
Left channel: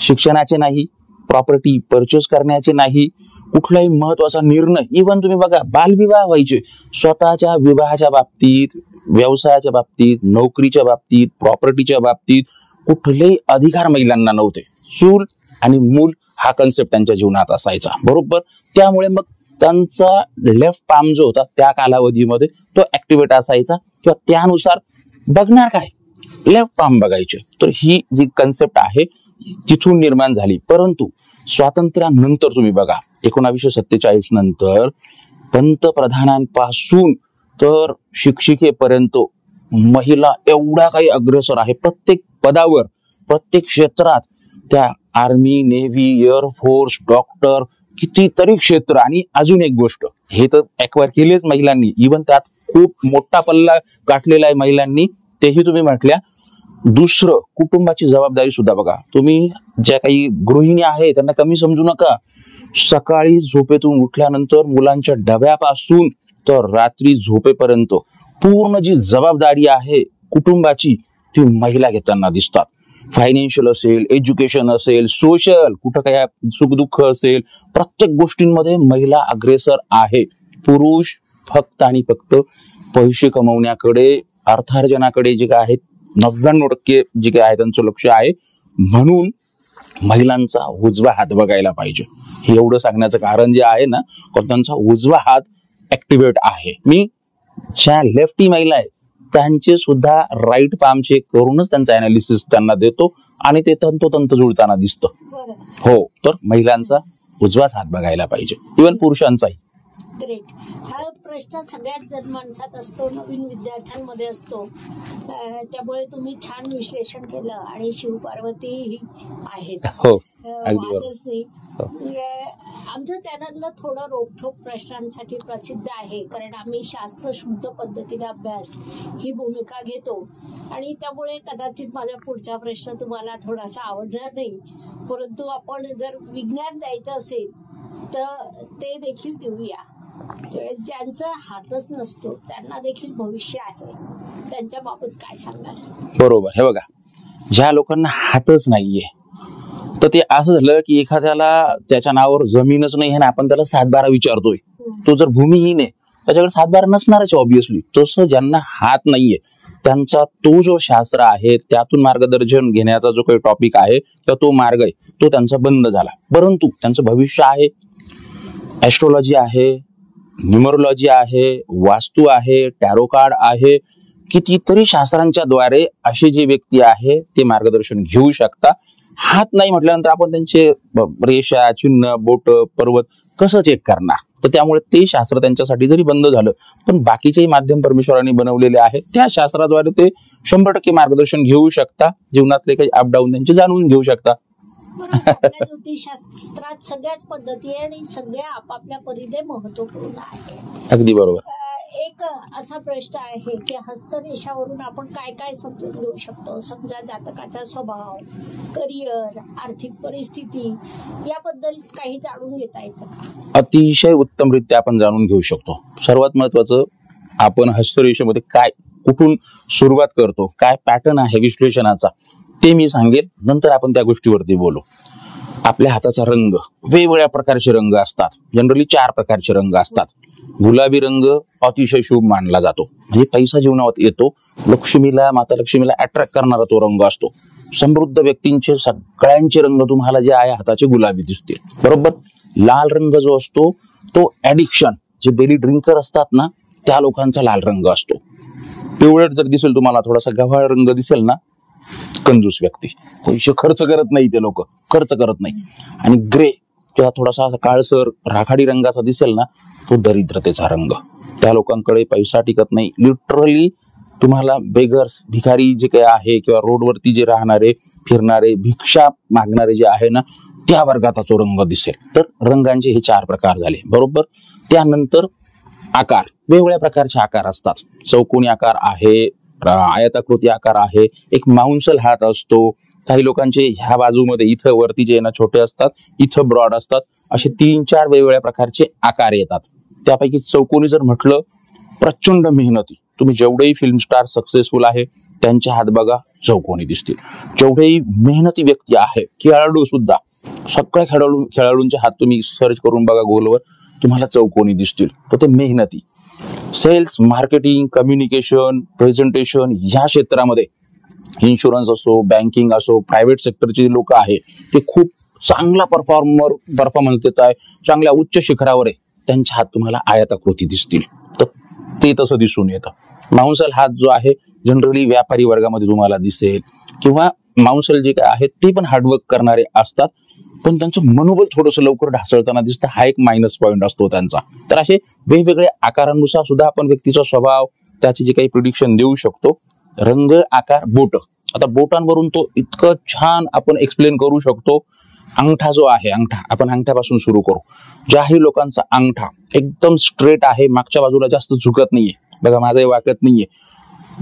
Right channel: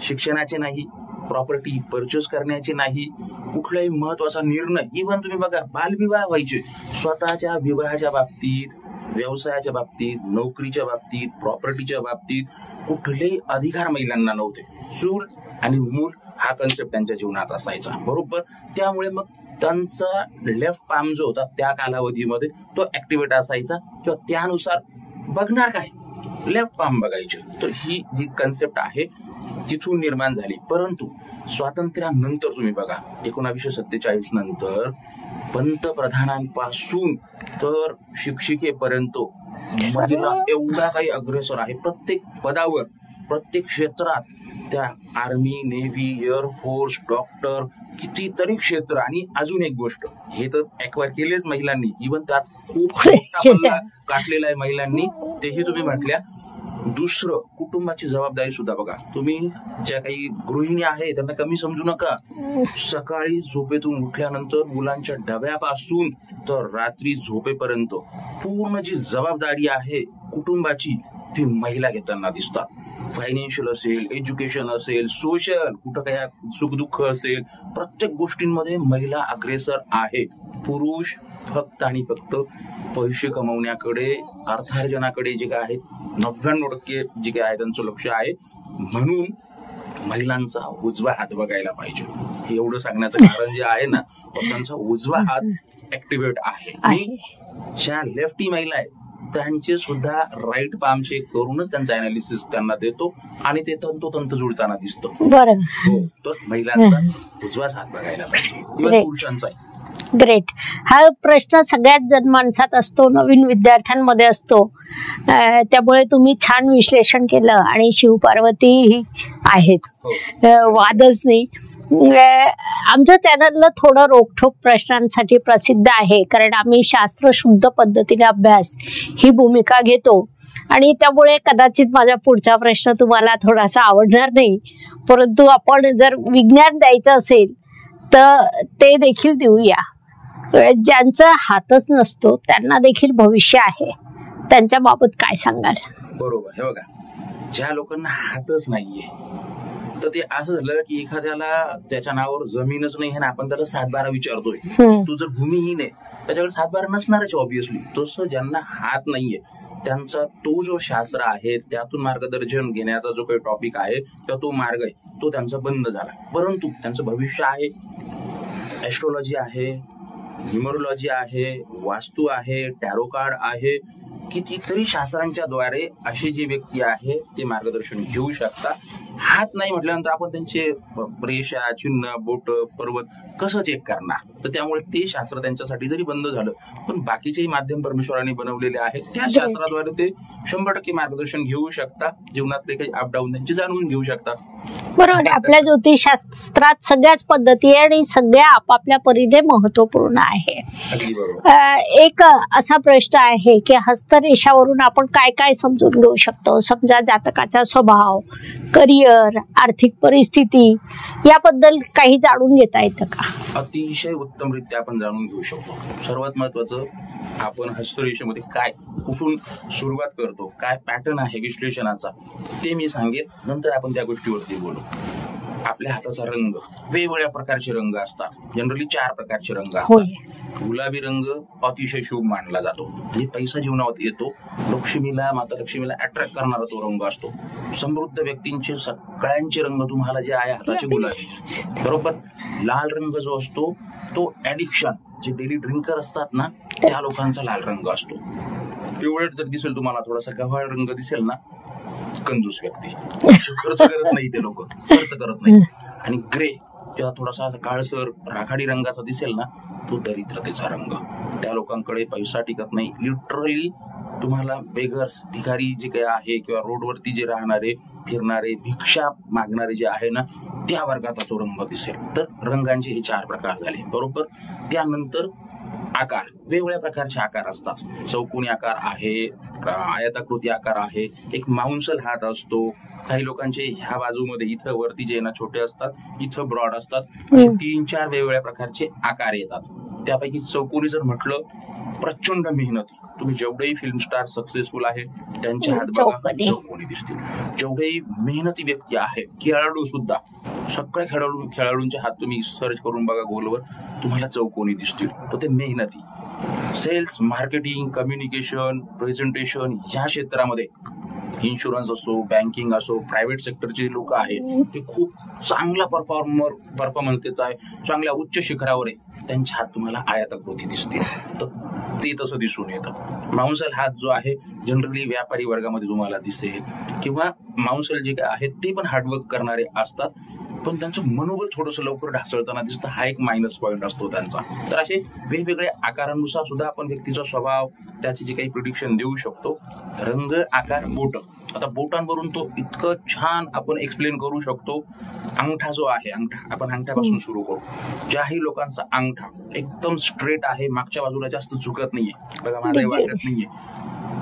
शिक्षणाचे नाही, प्रॉपर्टी परचेस करण्याचे नाही, कुठलाही महत्वाचा निर्णय. इव्हन तुम्ही बघा बालविवाह व्हायचे. स्वतःच्या विवाहाच्या बाबतीत, व्यवसायाच्या बाबतीत, नोकरीच्या बाबतीत, प्रॉपर्टीच्या बाबतीत कुठलेही अधिकार महिलांना नव्हते. चूल आणि मूल हा कन्सेप्ट त्यांच्या जीवनात असायचा. बरोबर. त्यामुळे मग त्यांचा लेफ्ट पाम जो होता त्या कालावधीमध्ये तो ऍक्टिव्हेट असायचा किंवा त्यानुसार बघणार काय, लेफ्ट पाम बघायचे. तर ही जी कन्सेप्ट आहे तिथून निर्माण झाली. परंतु स्वातंत्र्यानंतर तुम्ही बघा 1947 नंतर पंतप्रधानांपासून तर शिक्षिकेपर्यंत महिला एवढा काही अग्रेसर आहे. प्रत्येक पदावर, प्रत्येक क्षेत्रात, त्या आर्मी, नेव्ही, एअरफोर्स, डॉक्टर, कितीतरी क्षेत्र. आणि अजून एक गोष्ट, हे तर ऍक्वायर केलेच महिलांनी, इव्हन त्यात खूप मोठा पल्ला गाठलेला आहे महिलांनी, तेही तुम्ही म्हटल्या. दुसरं कुटुंबाची जबाबदारी सुद्धा बघा तुम्ही. ज्या काही गृहिणी आहे त्यांना कमी समजू नका. सकाळी झोपेतून उठल्यानंतर मुलांच्या डब्यापासून तर रात्री झोपेपर्यंत पूर्ण जी जबाबदारी आहे कुटुंबाची ती महिला घेताना दिसतात. फायनान्शियल असेल, एज्युकेशन असेल, सोशल, कुठं काय सुखदुःख असेल, प्रत्येक गोष्टींमध्ये महिला अग्रेसर आहे. पुरुष फक्त आणि फक्त पैसे कमवण्याकडे, अर्थार्जनाकडे जे काय आहेत 99% जे काय आहे त्यांचं लक्ष आहे. म्हणून महिलांचा उजवा हात बघायला पाहिजे. हे एवढं सांगण्याचं कारण जे आहे ना, त्यांचा उजवा हात ऍक्टिव्हेट आहे. मी ज्या लेफ्टी महिला आहे त्यांचे सुद्धा राईट पाम चेक करूनच त्यांचा अनालिसिस त्यांना देतो आणि ते तंतोतंत जुळताना दिसतं. बरं. हो, तर महिलांचा उजवाच हात बघायला पाहिजे, इव्हन पुरुषांचाही. ग्रेट. हा प्रश्न सगळ्यात जनमानसात असतो, नवीन विद्यार्थ्यांमध्ये असतो, त्यामुळे तुम्ही छान विश्लेषण केलं. आणि शिवपार्वती ही आहेत, वादच नाही. आमच्या चॅनलला थोडं रोखठोक प्रश्नांसाठी प्रसिद्ध आहे, कारण आम्ही शास्त्रशुद्ध पद्धतीने अभ्यास ही भूमिका घेतो. आणि त्यामुळे कदाचित माझा पुढचा प्रश्न तुम्हाला थोडासा आवडणार नाही, परंतु आपण जर विज्ञान द्यायचं असेल तर ते देखील देऊया. ज्यांचा हातच नसतो त्यांना देखील भविष्य आहे, त्यांच्या बाबत काय सांगाल? बरोबर. हे बघा, ज्या लोकांना हातच नाहीये तर ते असं झालं की एखाद्याला त्याच्या नावावर जमीनच नाही आहे ना, आपण त्याला 7-12 विचारतोय. तो जर भूमिहीन आहे त्याच्याकडे 7-12 नसणारच ऑब्विसली. तसं ज्यांना हात नाहीये त्यांचा तो जो शास्त्र आहे त्यातून मार्गदर्शन घेण्याचा जो काही टॉपिक आहे किंवा तो मार्ग आहे तो त्यांचा बंद झाला. परंतु त्यांचं भविष्य आहे, ऍस्ट्रोलॉजी आहे, न्यूमरोलॉजी आहे, वास्तू आहे, टॅरो कार्ड आहे, कितीतरी शास्त्रांच्या द्वारे अशी जी व्यक्ती आहे ते मार्गदर्शन घेऊ शकता. हात नाही म्हटल्यानंतर आपण त्यांचे रेषा, चिन्ह, बोट, पर्वत कसं चेक करणार? तर त्यामुळे ते शास्त्र त्यांच्यासाठी जरी बंद झालं पण बाकीचेही माध्यम परमेश्वरांनी बनवलेले आहेत, त्या शास्त्राद्वारे ते 100% मार्गदर्शन घेऊ शकता. जीवनातले काही अपडाऊन त्यांचे जाणून घेऊ शकता. बरोबर. आपल्या ज्योतिषशास्त्रात सगळ्याच पद्धती आहे आणि सगळ्या आपापल्या परीने महत्वपूर्ण आहे. अगदी बरोबर. एक असा प्रश्न आहे की हस्तरेषावरून आपण काय काय समजून घेऊ शकतो? समजा जातकाचा स्वभाव, करिअर, आर्थिक परिस्थिती याबद्दल काही जाणून घेता येतं का? अतिशय उत्तमरित्या आपण जाणून घेऊ शकतो. सर्वात महत्वाचं, आपण हस्तरेषेमध्ये काय, कुठून सुरुवात करतो, काय पॅटर्न आहे विश्लेषणाचा ते मी सांगेल, नंतर आपण त्या गोष्टीवरती बोलू. आपल्या हाताचा रंग, वेगवेगळ्या प्रकारचे रंग असतात. जनरली 4 प्रकारचे रंग असतात. गुलाबी रंग अतिशय शुभ मानला जातो, म्हणजे पैसा जीवनात येतो. लक्ष्मीला, माता लक्ष्मीला अट्रॅक्ट करणारा तो रंग असतो. समृद्ध व्यक्तींचे सगळ्यांचे रंग तुम्हाला जे आहे हाताचे गुलाबी दिसते, बरोबर. लाल रंग जो असतो तो ऍडिक्शन, जे डेली ड्रिंकर असतात ना त्या लोकांचा लाल रंग असतो. पिवळट जर दिसेल तुम्हाला, थोडासा गव्हाळ रंग दिसेल ना, कंजूस व्यक्ती, पैसे खर्च करत नाही, ते लोक खर्च करत नाही. आणि ग्रे किंवा थोडासा काळसर राखाडी रंगाचा दिसेल ना, तो दरिद्रतेचा रंग. त्या लोकांकडे पैसा टिकत नाही. लिटरली तुम्हाला बेगर्स, भिकारी जे काही आहे किंवा रोडवरती जे राहणारे, फिरणारे, भिक्षा मागणारे जे आहे ना, त्या वर्गाचा तो रंग दिसेल. तर रंगांचे हे 4 प्रकार झाले, बरोबर. त्यानंतर आकार, वेगवेगळ्या प्रकारचे आकार असतात. चौकोनी आकार आहे, आयताकृती आकार आहे, एक माउंसल हात असतो. काही लोकांचे ह्या बाजूमध्ये इथं वरती जे ना छोटे असतात, इथं ब्रॉड असतात. असे 3-4 वेगवेगळ्या प्रकारचे आकार येतात. त्यापैकी चौकोनी जर म्हटलं, प्रचंड मेहनती. तुम्ही जेवढेही फिल्म स्टार सक्सेसफुल आहे त्यांचे हात बघा, चौकोनी दिसतील. जेवढेही मेहनती व्यक्ती आहे, खेळाडू सुद्धा, सगळ्या खेळाडूंचे हात तुम्ही सर्च करून बघा गोलवर, तुम्हाला चौकोनी दिसतील. तर ते मेहनती. सेल्स, मार्केटिंग, कम्युनिकेशन, प्रेझेंटेशन या क्षेत्रामध्ये, इन्शुरन्स असो, बँकिंग असो, प्रायव्हेट सेक्टरचे लोक आहेत, ते खूप चांगला परफॉर्मन्स देत आहे, चांगल्या उच्च शिखरावर आहे, त्यांचे हात तुम्हाला आयताकृती दिसतील. तर ते तसं दिसून येतं. माउंसल हात जो आहे जनरली व्यापारी वर्गामध्ये तुम्हाला दिसेल, किंवा माउंसल जे काय आहेत ते पण हार्डवर्क करणारे असतात, पण त्यांचं मनोबल थोडंसं लवकर ढासळताना दिसतं. हा एक मायनस पॉईंट असतो त्यांचा. तर असे वेगवेगळ्या आकारांनुसार सुद्धा आपण व्यक्तीचा स्वभाव, त्याचे जे काही प्रिडिक्शन देऊ शकतो. रंग, आकार, बोट. आता बोटांवरून तो इतकं छान आपण एक्सप्लेन करू शकतो. अंगठा जो आहे, अंगठा, आपण अंगठ्यापासून सुरू करू. ज्याही लोकांचा अंगठा एकदम स्ट्रेट आहे, मागच्या बाजूला जास्त झुकत नाहीये, बघा माझाही वाकत नाहीये,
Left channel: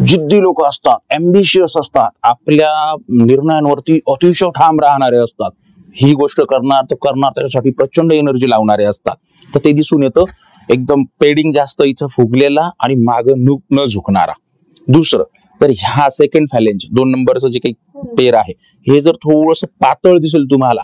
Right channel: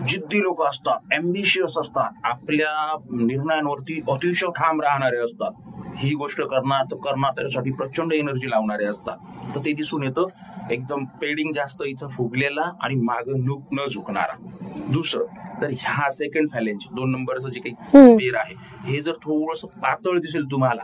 जिद्दी लोक असतात, अँबिशियस असतात, आपल्या निर्णयांवरती अतिशय ठाम राहणारे असतात, ही गोष्ट करणार तर करणार, त्याच्यासाठी प्रचंड एनर्जी लावणारे असतात. तर ते दिसून येतं. एकदम पेडिंग जास्त इथं फुगलेला आणि मागं न झुकणारा. दुसरं, तर ह्या सेकंड फॅलेंज 2 नंबरचं जे काही पेर आहे, हे जर थोडंसं पातळ दिसेल तुम्हाला,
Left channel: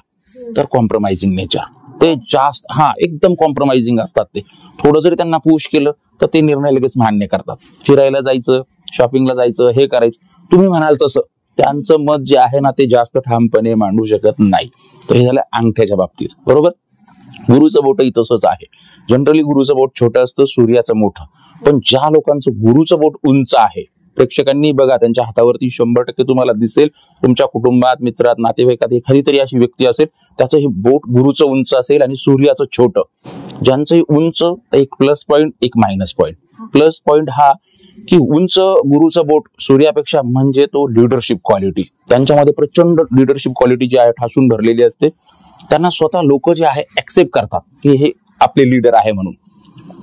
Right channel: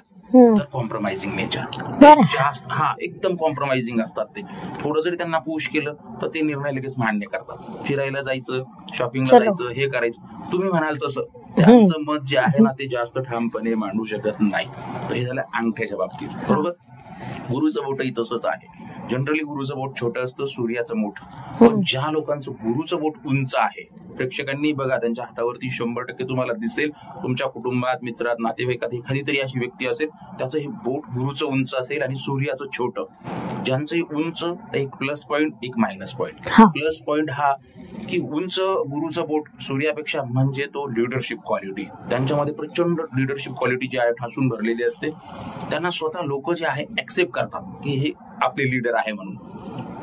तर कॉम्प्रोमाइजिंग नेचर. ते जास्त एकदम कॉम्प्रोमाइजिंग असतात. ते थोडं जरी त्यांना पुश केलं तर ते निर्णय लगेच मान्य करतात. फिरायला जायचं, शॉपिंगला जायचं, हे करायचं, तुम्ही म्हणाल तसं. त्यांचं मत जे आहे ना ते जास्त ठामपणे मांडू शकत नाही. तर हे झालं अंगठ्याच्या बाबतीत, बरोबर. गुरुचं बोटही तसंच आहे. जनरली गुरुचं बोट छोटं असतं, सूर्याचं मोठं. पण ज्या लोकांचं गुरुचं बोट उंच आहे प्रेक्षकांनी बघा, त्यांच्या हातावरती 100% तुम्हाला दिसेल. तुमच्या कुटुंबात, मित्रात, नातेवाईकात एखादी तरी अशी व्यक्ती असेल, त्याचं हे बोट गुरुचं उंच असेल आणि सूर्याचं छोटं. ज्यांचं उंच, एक प्लस पॉईंट, एक मायनस पॉईंट. प्लस पॉईंट हा की उंच गुरुचं बोट सूर्यापेक्षा म्हणजे तो लिडरशिप क्वालिटी. त्यांच्यामध्ये प्रचंड लिडरशिप क्वालिटी जी आहे ठासून भरलेली असते. त्यांना स्वतः लोक जे आहे ऍक्सेप्ट करतात की हे आपले लीडर आहे म्हणून.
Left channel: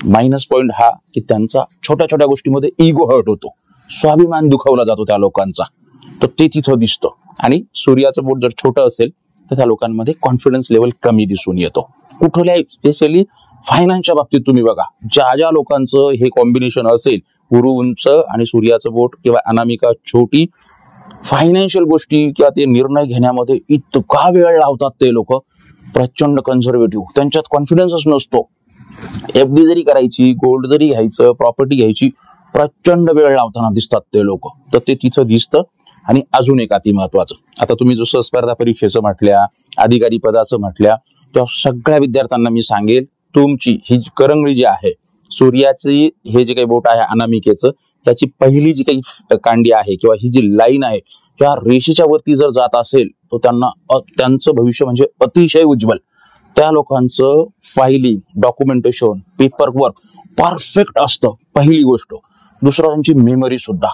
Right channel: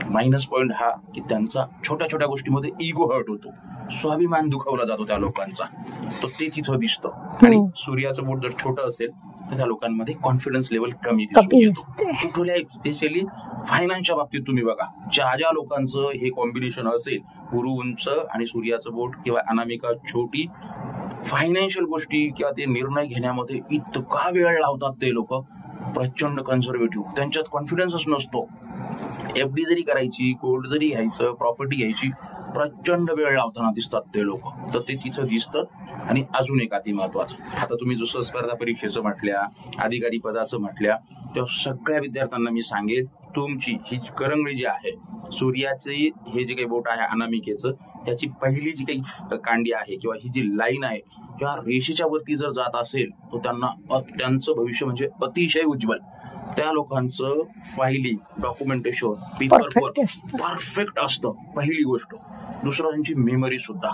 मायनस पॉईंट हा की त्यांचा छोट्या छोट्या गोष्टीमध्ये इगो हर्ट होतो, स्वाभिमान दुखावला जातो त्या लोकांचा, तर ते तिथं दिसतं. आणि सूर्याचं बोट जर छोटं असेल तर त्या लोकांमध्ये कॉन्फिडन्स लेवल कमी दिसून येतो. कुठल्याही स्पेशली फायनान्सच्या बाबतीत तुम्ही बघा, ज्या ज्या लोकांचं हे कॉम्बिनेशन असेल, गुरु उंच आणि सूर्याचं बोट किंवा अनामिका छोटी, फायनान्शियल गोष्टी किंवा ते निर्णय घेण्यामध्ये इतका वेळ लावतात ते लोक. प्रचंड कन्झर्वेटिव्ह, त्यांच्यात कॉन्फिडन्सच नसतो. एफडी जरी करायची, गोल्ड जरी घ्यायचं, प्रॉपर्टी घ्यायची, प्रचंड वेळ लावताना दिसतात ते लोक. तर ते तिथं दिसतं. आणि अजून एक अति महत्वाचं, आता तुम्ही जसं स्पर्धा परीक्षेचं म्हटल्या, अधिकारी पदाचं म्हटल्या, तेव्हा सगळ्या विद्यार्थ्यांना मी सांगेल, तुमची ही करंगळी जी आहे, सूर्याची हे जे काही बोट आहे अनामिकेचं, त्याची पहिली जी काही कांडी आहे किंवा ही जी लाईन आहे, त्या रेषेच्या वरती जर जात असेल तर त्यांचं भविष्य म्हणजे अतिशय उज्ज्वल. त्या लोकांचं filing, documentation, paper work perfect असतं, पहिली गोष्ट. दुसरं, त्यांची मेमरी सुद्धा,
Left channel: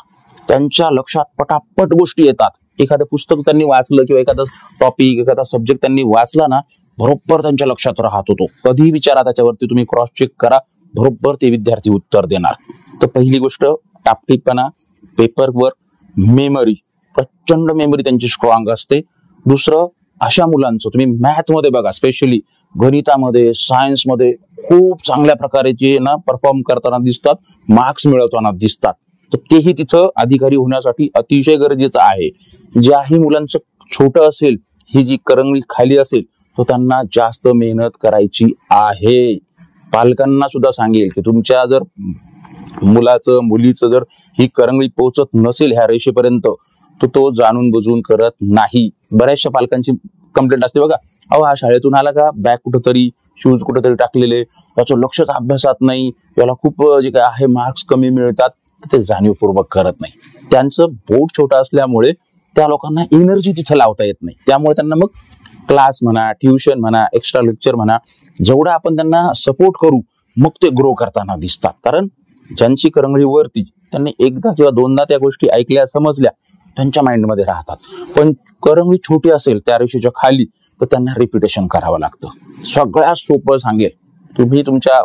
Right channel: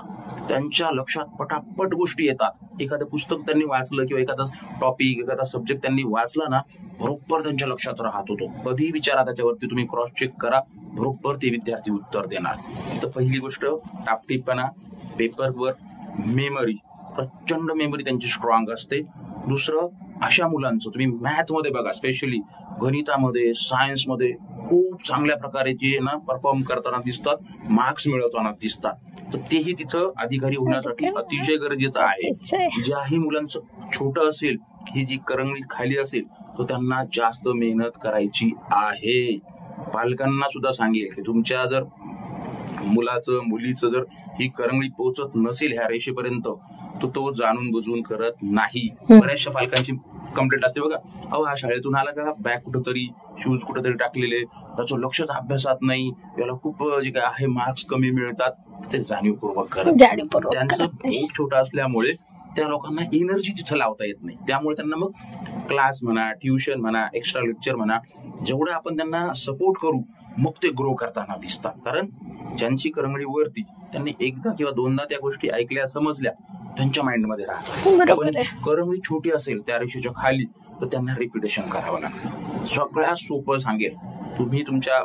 त्यांच्या लक्षात पटापट गोष्टी येतात. एखादं पुस्तक त्यांनी वाचलं किंवा एखादा टॉपिक, एखादा सब्जेक्ट त्यांनी वाचला ना, बरोबर त्यांच्या लक्षात राहत होतो. कधी विचारा त्याच्यावरती, तुम्ही क्रॉस चेक करा, बरोबर ते विद्यार्थी उत्तर देणार. तर पहिली गोष्ट टापटीकपणा, पेपर वर्क, मेमरी, प्रचंड मेमरी त्यांची स्ट्रॉंग असते. दुसरं, अशा मुलांचं तुम्ही मॅथमध्ये बघा, स्पेशली गणितामध्ये, सायन्समध्ये खूप चांगल्या प्रकारे जे ना परफॉर्म करताना दिसतात, मार्क्स मिळवताना दिसतात. तर तेही तिथं अधिकारी होण्यासाठी अतिशय गरजेचं आहे. ज्याही मुलांचं छोटं असेल, ही जी करंगळी खाली असेल, तर त्यांना जास्त मेहनत करायची आहे. पालकांना सुद्धा सांगेल की तुमच्या जर मुलाचं, मुलीचं जर ही करंगळी पोहोचत नसेल ह्या रेषेपर्यंत, तर तो जाणून बुजून करत नाही. बऱ्याचशा पालकांची कंप्लेंट असते बघा, अहो हा शाळेतून आला का, बॅग कुठंतरी, शूज कुठंतरी टाकलेले, त्याचं लक्षच अभ्यासात नाही, याला खूप जे काय आहे मार्क्स कमी मिळतात. ते जाणीवपूर्वक करत, त्यांचं बोट छोटं असल्यामुळे त्या लोकांना एनर्जी तिथे लावता येत नाही. त्यामुळे त्यांना मग क्लास म्हणा, ट्युशन म्हणा, एक्स्ट्रा लेक्चर म्हणा, जेवढं आपण त्यांना सपोर्ट करू, मग ते ग्रो करताना दिसतात. कारण ज्यांची करंगळी वरती, त्यांनी एकदा किंवा दोनदा त्या गोष्टी ऐकल्या, समजल्या, त्यांच्या माइंडमध्ये राहतात. पण करंगळी छोटी असेल त्या रेषेच्या खाली, तर त्यांना रिपिटेशन करावं लागतं. सगळ्यात सोपं सांगेल, तुम्ही तुमच्या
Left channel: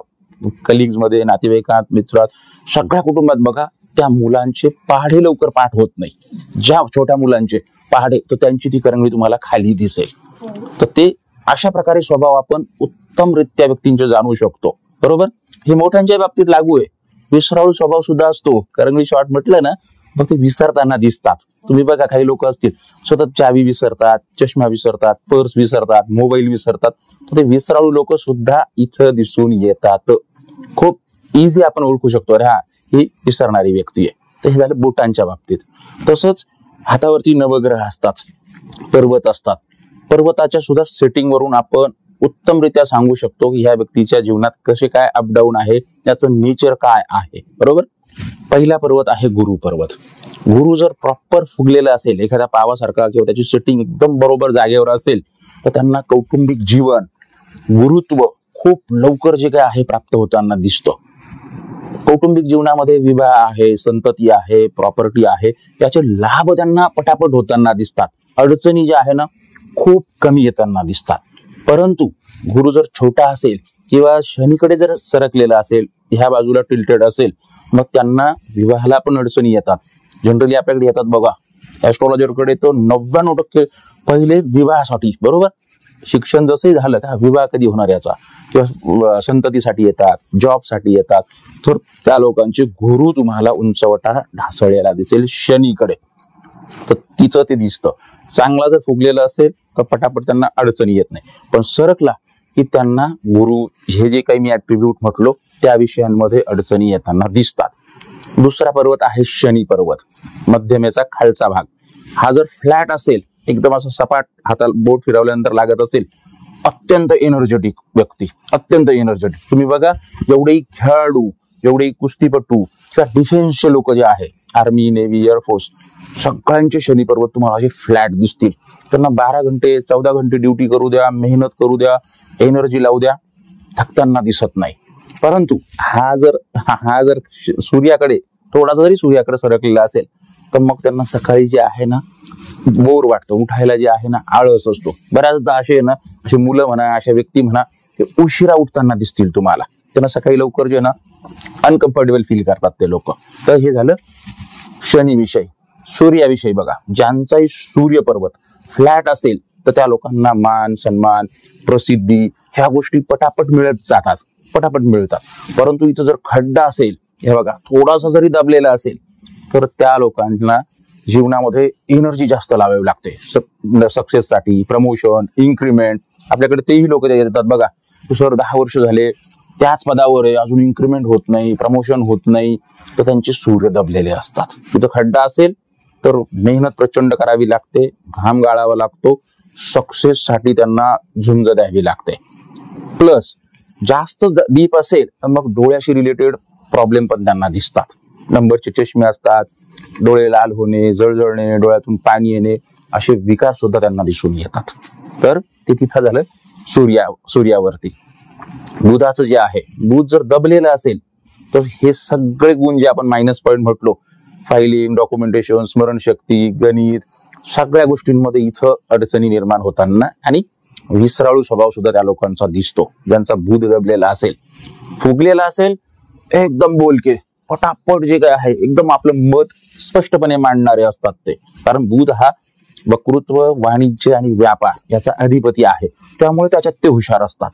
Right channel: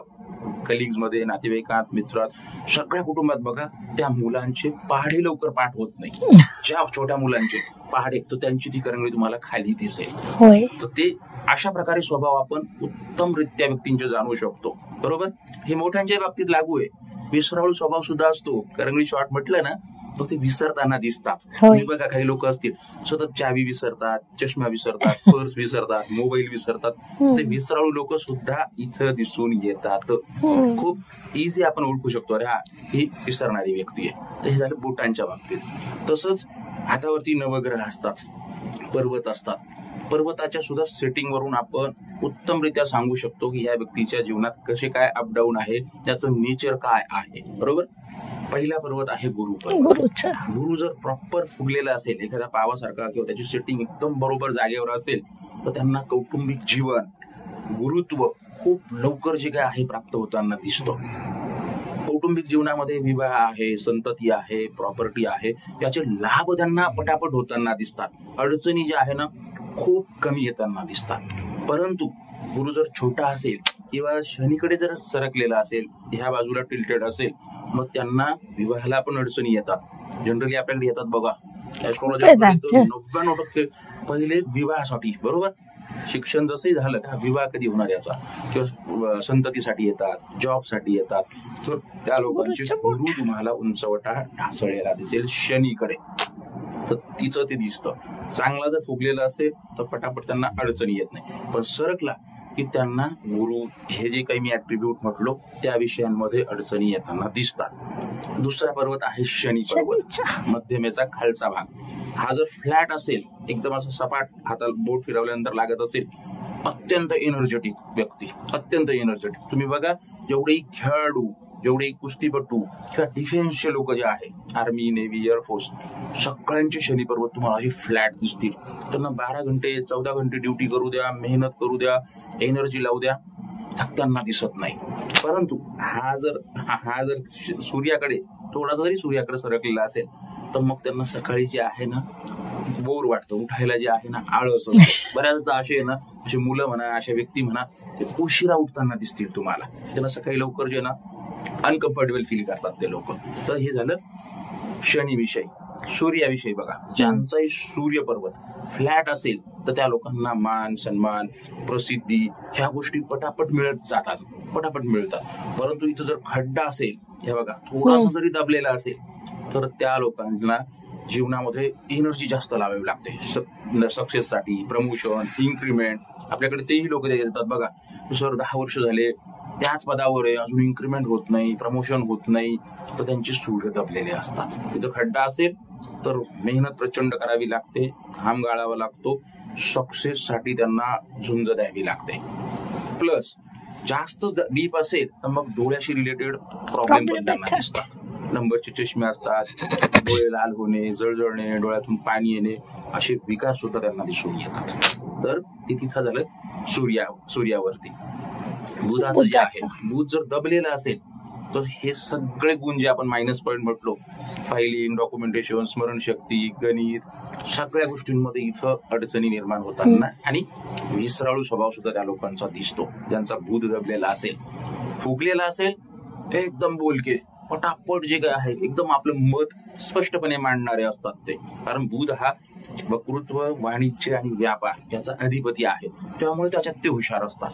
कलिग्स मध्ये, नातेवाईकात, मित्रात, सगळ्या कुटुंबात बघा, त्या मुलांचे पहाडे लवकर पाठ होत नाही. ज्या छोट्या मुलांचे पहाडे, तर त्यांची ती करंगळी तुम्हाला खाली दिसेल. तर ते अशा प्रकारे स्वभाव आपण उत्तमरित्या व्यक्तींचे जाणू शकतो. बरोबर, हे मोठ्यांच्या बाबतीत लागू आहे. विसराळू स्वभाव सुद्धा असतो. करंगळी शॉर्ट म्हटलं ना, मग ते विसरताना दिसतात. तुम्ही बघा, काही लोक असतील सतत चावी विसरतात, चष्मा विसरतात, पर्स विसरतात, मोबाईल विसरतात. ते विसराळू लोक सुद्धा इथं दिसून येतात. खूप इझी आपण ओळखू शकतो, अरे हा ही विसरणारी व्यक्ती आहे. तर हे झालं बोटांच्या बाबतीत. तसंच हातावरती नवग्रह असतात, पर्वत असतात. पर्वताच्या सुद्धा सेटिंग वरून आपण उत्तमरित्या सांगू शकतो की ह्या व्यक्तीच्या जीवनात कसे काय अपडाऊन आहे, त्याचं नेचर काय आहे. बरोबर, पहिला पर्वत आहे गुरु पर्वत. गुरु जर प्रॉपर फुगलेला असेल, एखाद्या पावासारखा, किंवा त्याची सेटिंग एकदम बरोबर जागेवर असेल, तर त्यांना कौटुंबिक जीवन, गुरुत्व खूप लवकर जे काय आहे प्राप्त होताना दिसतं. कौटुंबिक जीवनामध्ये विवाह आहे, संतती आहे, प्रॉपर्टी आहे, त्याचे लाभ त्यांना पटापट होताना दिसतात. अडचणी ज्या आहे ना, खूप कमी येताना दिसतात. परंतु गुरु जर छोटा असेल किंवा शनीकडे जर सरकलेला असेल, ह्या बाजूला टिल्टेड असेल, मग त्यांना विवाहाला पण अडचणी येतात. जनरली आपल्याकडे येतात बघा, ऍस्ट्रॉलॉजरकडे तर 99% पहिले विवाहासाठी. बरोबर, शिक्षण जसंही झालं का, विवाह कधी होणार याचा, किंवा संततीसाठी येतात, जॉबसाठी येतात. तर त्या लोकांचे गुरु तुम्हाला उंचवटा ढासळलेला दिसेल शनीकडे, तर तिचं ते दिसतं. चांगला जर फुगलेला असेल तर पटापट त्यांना अडचणी येत नाही. पण सरकला की त्यांना गुरु हे जे काही मी ऍट्रिब्यूट म्हटलो त्या विषयांमध्ये अडचणी येताना दिसतात. दुसरा पर्वत आहे शनी पर्वत, मध्यमेचा खालचा भाग. हा जर फ्लॅट असेल, एकदम असं सपाट, हाताला बोट फिरवल्यानंतर लागत असेल, अत्यंत एनर्जेटिक व्यक्ती, अत्यंत एनर्जेटिक. तुम्ही बघा, एवढेही खेळाडू, जेवढे कुस्तीपटू किंवा डिफेन्सचे लोक जे आहे, आर्मी, नेव्ही, एअरफोर्स, सगळ्यांचे शनी पर्वत तुम्हाला असे फ्लॅट दिसतील. त्यांना 12 घंटे 14 घंटे ड्युटी करू द्या, मेहनत करू द्या, एनर्जी लावू द्या, थकताना दिसत नाही. परंतु हा जर सूर्याकडे थोडासा जरी सूर्याकडे सरकलेला असेल तर मग त्यांना सकाळी जे आहे ना बोर वाटतं, उठायला जे आहे ना आळस असतो. बऱ्याचदा असे ना, असे मुलं म्हणा, अशा व्यक्ती म्हणा, ते उशिरा उठताना दिसतील तुम्हाला. त्यांना सकाळी लवकर जे ना अनकम्फर्टेबल फील करतात ते लोक. तर हे झालं शनीविषयी. सूर्याविषयी बघा, ज्यांचाही सूर्य पर्वत फ्लॅट असेल तर त्या लोकांना मान सन्मान, प्रसिद्धी ह्या गोष्टी पटापट मिळतात. परंतु इथं जर खड्डा असेल, हे बघा थोडासा जरी दबलेला असेल तर त्या लोकांना जीवनामध्ये एनर्जी जास्त लावावी लागते सक्सेससाठी, प्रमोशन, इन्क्रीमेंट. आपल्याकडे तेही लोक येतात बघा, सर 10 वर्ष झाले त्याच पदावर आहे, अजून इन्क्रीमेंट होत नाही, प्रमोशन होत नाही, तर त्यांचे सूर्य दबलेले असतात. तिथं खड्डा असेल तर मेहनत प्रचंड करावी लागते, घाम गाळावा लागतो, सक्सेस साठी त्यांना झुंज द्यावी लागते. प्लस जास्त डीप असेल तर मग डोळ्याशी रिलेटेड प्रॉब्लेम पण त्यांना दिसतात. नंबरचे चष्मे असतात, डोळे लाल होणे, जळजळणे, डोळ्यातून पाणी येणे, असे विकार सुद्धा त्यांना दिसून येतात. तर ते तिथं झालं सूर्यावरती. बुधाचं जे आहे, बुध जर दबलेलं असेल तर हे सगळे गुण जे आपण मायनस पॉईंट म्हटलो, फायलिंग, डॉक्युमेंटेशन, स्मरणशक्ती, गणित, सगळ्या गोष्टींमध्ये इथं अडचणी निर्माण होताना आणि विसराळू स्वभाव सुद्धा त्या लोकांचा दिसतो. ज्यांचा बुध दबलेला असेल, फुगलेला असेल, एकदम बोलके, पटापट जे काय आहे एकदम आपलं मत स्पष्टपणे मांडणारे असतात ते. कारण बुध हा वक्तृत्व, वाणिज्य आणि व्यापार याचा अधिपती आहे, त्यामुळे त्याच्यात ते हुशार असतात.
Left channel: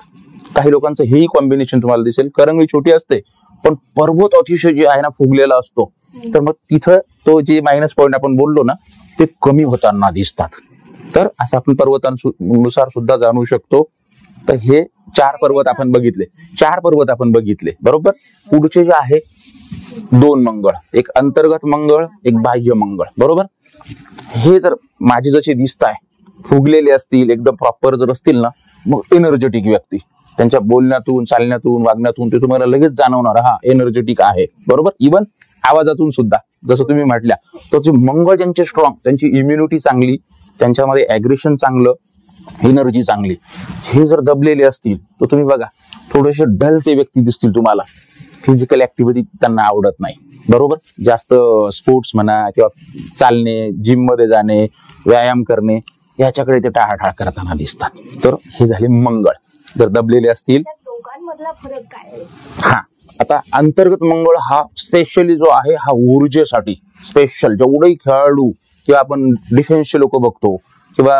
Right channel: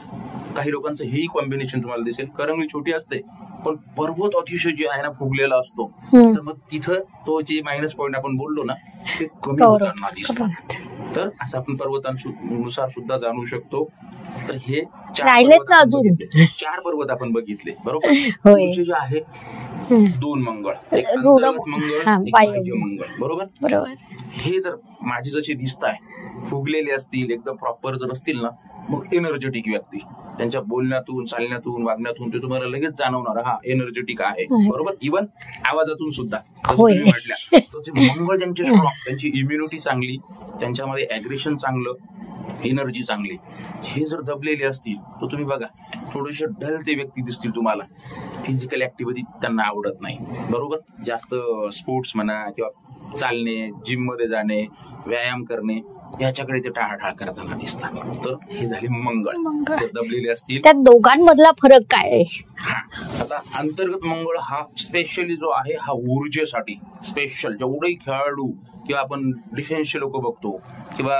काही लोकांचं हेही कॉम्बिनेशन तुम्हाला दिसेल, करंगळी छोटी असते पण पर्वत अतिशय जे आहे ना फुगलेला असतो, तर मग तिथं तो जे मायनस पॉईंट आपण बोललो ना ते कमी होताना दिसतात. तर असं आपण पर्वतांनुसार सुद्धा जाणू शकतो. तर हे 4 पर्वत आपण बघितले बरोबर. पुढचे जे आहे 2 मंगळ, एक अंतर्गत मंगळ, एक बाह्य मंगळ, बरोबर. हे जर माझे जसे दिसत आहे फुगलेले असतील, एकदम प्रॉपर जर असतील ना, मग एनर्जेटिक व्यक्ती, त्यांच्या बोलण्यातून, चालण्यातून, वागण्यातून ते तुम्हाला लगेच जाणवणार हा एनर्जेटिक आहे, बरोबर. इव्हन आवाजातून सुद्धा, जसं तुम्ही म्हटल्या, तर जे मंगळ ज्यांचे स्ट्रॉंग, त्यांची इम्युनिटी चांगली, त्यांच्यामध्ये ऍग्रेशन चांगलं, एनर्जी चांगली, हे जर दबलेले असतील तर तुम्ही बघा थोडेसे डल ते व्यक्ती दिसतील तुम्हाला. फिजिकल ऍक्टिव्हिटी त्यांना आवडत नाही, बरोबर. जास्त स्पोर्ट्स म्हणा किंवा चालणे, जिम मध्ये जाणे, व्यायाम करणे याच्याकडे ते टाळाटाळ करताना दिसतात. तर हे झाले मंगळ जर दबलेले असतील. त्या दोघांमधला फरक काय आहे? हा, आता अंतर्गत मंगळ हा स्पेशली जो आहे हा ऊर्जेसाठी स्पेशल. जेवढेही खेळाडू किंवा आपण डिफेन्सचे लोक बघतो किंवा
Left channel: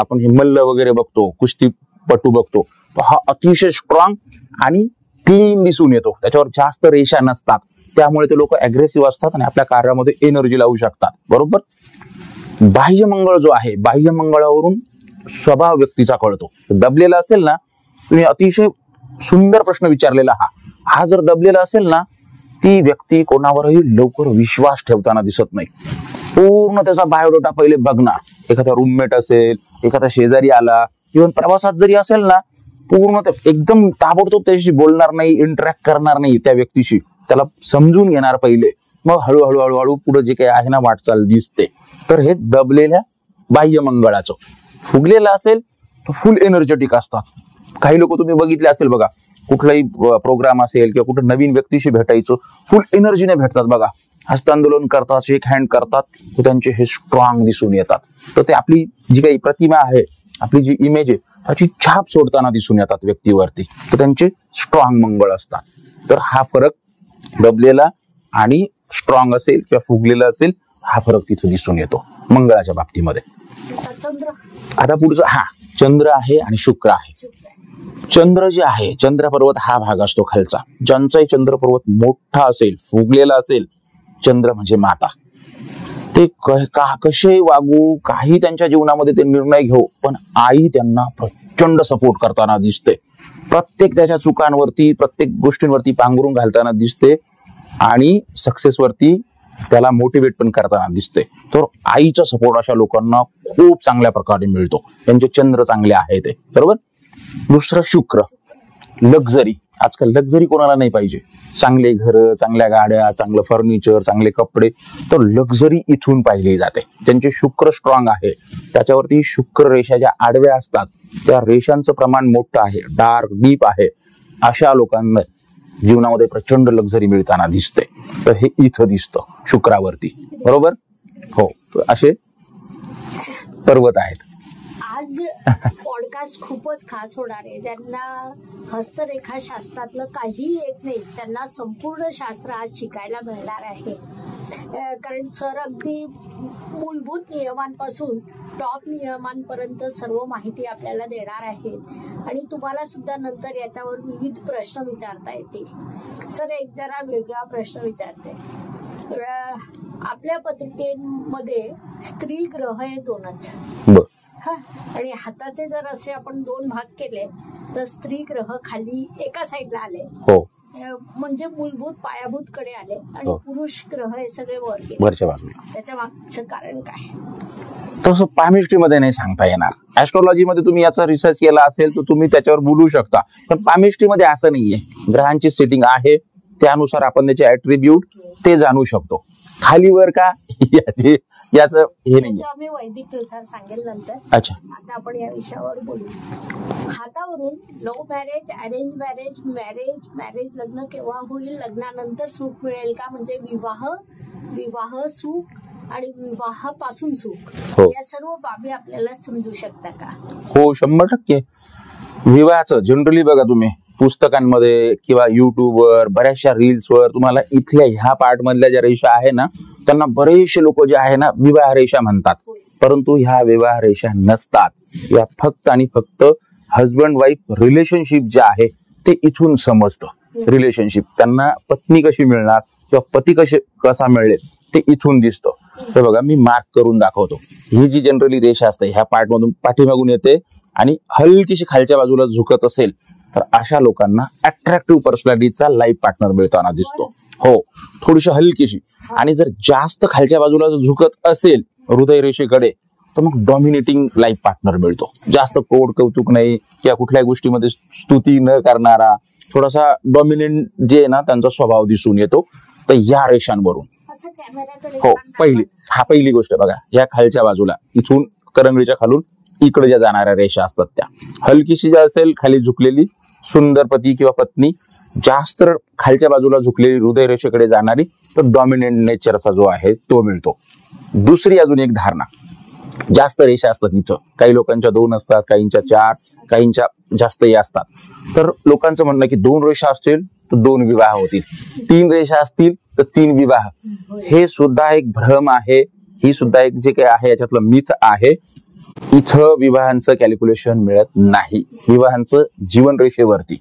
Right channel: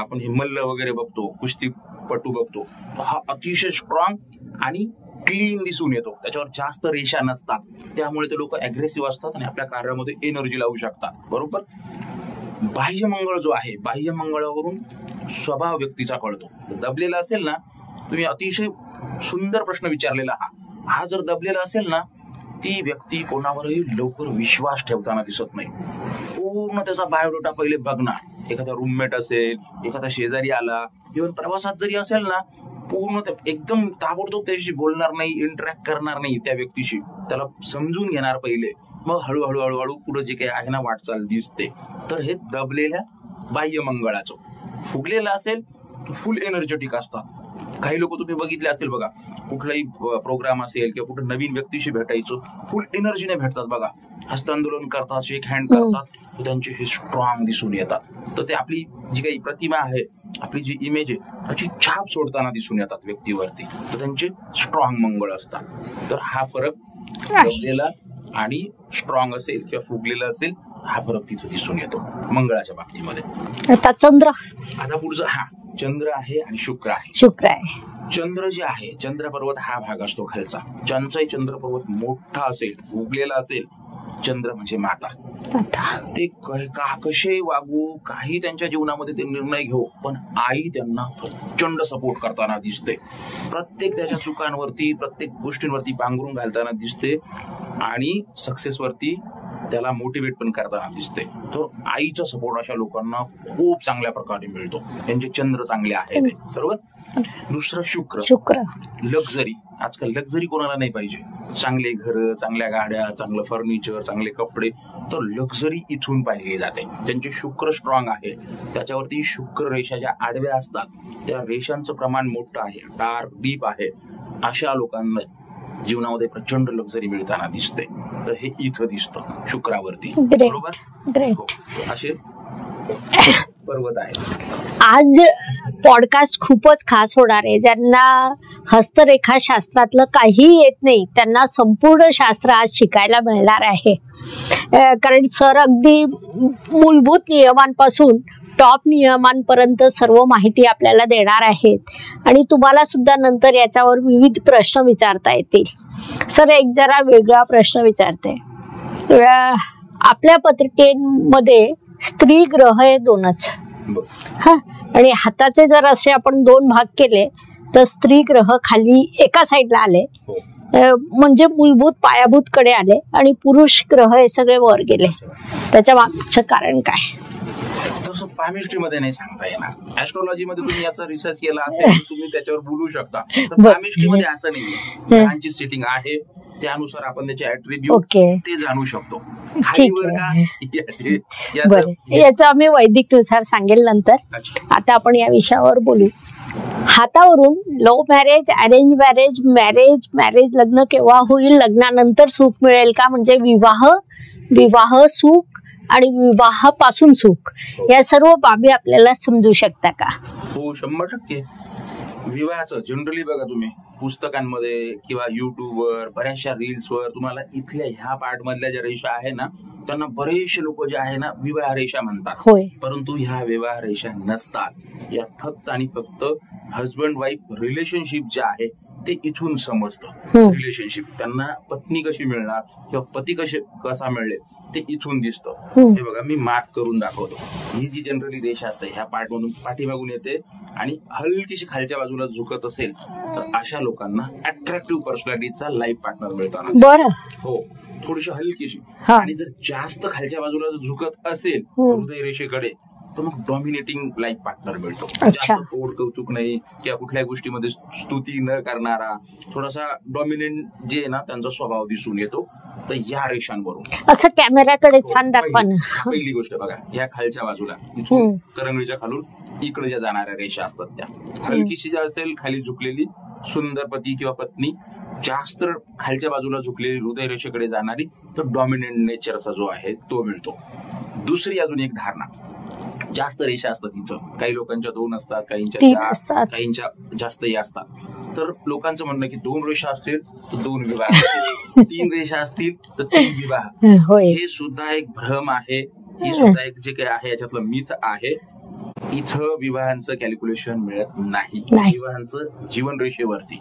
आपण हे मल्ल वगैरे बघतो, कुस्तीपटू बघतो, हा अतिशय स्ट्रॉंग आणि क्लीन दिसून येतो. त्याच्यावर जास्त रेषा नसतात, त्यामुळे ते लोक अग्रेसिव्ह असतात आणि आपल्या कार्यामध्ये एनर्जी लावू शकतात, बरोबर. बाह्य मंगळ जो आहे, बाह्य मंगळावरून स्वभाव व्यक्तीचा कळतो. दबलेला असेल ना, तुम्ही अतिशय सुंदर प्रश्न विचारलेला हा जर दबलेला असेल ना, ती व्यक्ती कोणावरही लवकर विश्वास ठेवताना दिसत नाही. पूर्ण त्याचा बायोडाटा पहिले बघणार. एखादा रूममेट असेल, एखादा शेजारी आला, इव्हन प्रवासात जरी असेल ना, पूर्ण एकदम ताबडतोब त्याच्याशी बोलणार नाही, इंटरॅक्ट करणार नाही त्या व्यक्तीशी, त्याला समजून घेणार पहिले, मग हळूहळू पुढे जे काही आहे ना वाटचाल दिसते. तर हे दबलेल्या बाह्य मंगळाचं. फुगलेलं असेल तर फुल एनर्जेटिक असतात. काही लोक तुम्ही बघितले असेल बघा, कुठलाही प्रोग्राम असेल किंवा कुठं नवीन व्यक्तीशी भेटायचं, फुल एनर्जीने भेटतात बघा, हस्तांदोलन करतात, शेक हँड करतात, तर त्यांचे हे स्ट्रॉंग दिसून येतात. तर ते आपली जी काही प्रतिमा आहे, आपली जी इमेज आहे, त्याची छाप सोडताना दिसून येतात व्यक्तीवरती, तर त्यांचे स्ट्रॉंग मंगळ असतात. तर हा फरक दबलेला आणि स्ट्रॉंग असेल किंवा फुगलेला असेल, हा फरक तिथे दिसून येतो मंगळाच्या बाबतीमध्ये. आता चंद्र, आता पुढचा चंद्र आहे आणि शुक्र आहे. चंद्र जे आहे, चंद्र पर्वत हा भाग असतो खालचा. ज्यांचाही चंद्र पर्वत मोठा असेल, फुगलेला असेल, चंद्र म्हणजे माता. ते कसे वागू, काही त्यांच्या जीवनामध्ये ते निर्णय घेऊ, पण आई त्यांना प्रचंड सपोर्ट करताना दिसते. प्रत्येक त्याच्या चुकांवरती, प्रत्येक गोष्टींवरती पांघरून घालताना दिसते आणि सक्सेसवरती त्याला मोटिवेट पण करताना दिसते. तर आईचा सपोर्ट अशा लोकांना खूप चांगल्या प्रकारे मिळतो. त्यांचे चंद्र चांगले आहे ते, बरोबर. दुसरं शुक्र. लक्झरी. आजकाल लक्झरी कोणाला नाही पाहिजे. चांगले घर, चांगल्या गाड्या, चांगलं फर्निचर, चांगले कपडे, तर लक्झरी इथून पाहिली जाते. त्यांचे शुक्र स्ट्रॉंग आहे. त्याच्यावरती शुक्र रेषा ज्या आडव्या असतात त्या रेषांचं प्रमाण मोठं आहे, डार्क डीप आहे. अशा लोकांना जीवनामध्ये प्रचंड लक्झरी मिळताना दिसते. तर हे इथं दिसतं शुक्रावरती. बरोबर. हो, असे पर्वत आहेत. आज पॉडकास्ट खूपच खास होणार आहे. ज्यांना हस्तरेखा शास्त्रातलं काहीही येत नाही त्यांना संपूर्ण शास्त्र आज शिकायला मिळणार आहे. कारण सर अगदी मूलभूत नियमांपासून टॉप नियमांपर्यंत सर्व माहिती आपल्याला देणार आहेत आणि तुम्हाला सुद्धा नंतर याच्यावर विविध प्रश्न विचारता येतील. सर, एक जरा वेगळा प्रश्न विचारते. आपल्या पत्रिकेमध्ये स्त्री ग्रह हे 2च. हा, आणि हाताचे जर असे आपण 2 भाग केले तर स्त्री ग्रह खाली एका साईडला आले, म्हणजे मूलभूत पायाभूत कडे आले, आणि पुरुष ग्रह हे सगळे वर गेले. त्याच्या मागचं कारण काय? तसं पामिस्ट्री मध्ये नाही सांगता येणार. ऍस्ट्रॉलॉजी मध्ये तुम्ही याचा रिसर्च केला असेल तर तुम्ही त्याच्यावर बोलू शकता. पण पामिस्ट्री मध्ये असं नाहीये. ग्रहांची सेटिंग आहे त्यानुसार आपण त्याचे ऍट्रिब्यूट ते जाणू शकतो. खाली वर का याचं आम्ही वैदिक नुसार सांगेल नंतर. आता आपण या विषयावर बोलू. हातावरून love marriage, arrange marriage, marriage लग्न केव्हा होईल, लग्नानंतर सुख मिळेल का, म्हणजे विवाह सुख आणि विवाहापासून सुख, या सर्व बाबी आपल्याला समजू शकता का? हो, 100%. विवाहाचं जनरली बघा तुम्ही पुस्तकांमध्ये किंवा युट्यूबवर बऱ्याचशा रील्सवर तुम्हाला इथल्या ह्या पार्ट मधल्या ज्या रेषा आहे ना त्यांना बरेचसे लोक जे आहे ना विवाह रेषा म्हणतात. परंतु ह्या विवाह रेषा नसतात. या फक्त आणि फक्त हजबंड वाईफ रिलेशनशिप जे आहे ते इथून समजतं. रिलेशनशिप त्यांना पत्नी कशी मिळणार किंवा पती कसा मिळेल ते इथून दिसतं. तर बघा, मी मार्क करून दाखवतो. ही जी जनरली रेषा असते ह्या पार्ट मधून पाठीमागून येते आणि हलकीशी खालच्या बाजूला झुकत असेल तर अशा लोकांना अट्रॅक्टिव्ह पर्सनॅलिटीचा लाईफ पार्टनर मिळताना दिसतो. हो, थोडीशी हलकीशी. आणि जर जास्त खालच्या बाजूला झुकत असेल हृदय रेषेकडे तर मग डॉमिनेटिंग लाईफ पार्टनर मिळतो. जास्त कोड कौतुक नाही किंवा कुठल्याही गोष्टीमध्ये स्तुती न करणारा, थोडासा डॉमिनेंट जे आहे ना त्यांचा स्वभाव दिसून येतो. तर या रेषांवरून असं कॅमेऱ्याकडे छान दाखवा. हा पहिली गोष्ट बघा, या खालच्या बाजूला इथून करंगळीच्या खालून इकडे ज्या जाणाऱ्या रेषा असतात त्या हलकीशी ज्या असेल खाली झुकलेली सुंदर पती किंवा पत्नी, जास्त खालच्या बाजूला झुकलेली हृदय रेषेकडे जाणारी, तर डॉमिनेंट नेचरचा जो आहे तो मिळतो. दुसरी अजून एक धारणा, जास्त रेषा असतात इथं, काही लोकांच्या 2 असतात, काहींच्या 4, काहींच्या जास्तही असतात. तर लोकांचं म्हणणं की 2 रेषा असतील तर 2 विवाह होतील, 3 रेषा असतील तर 3 विवाह. हे सुद्धा एक भ्रम आहे. ही सुद्धा एक जे काही आहे याच्यातलं मिथ आहे. इथं विवाहांचं कॅल्क्युलेशन मिळत नाही. विवाहांचं जीवन रेषेवरती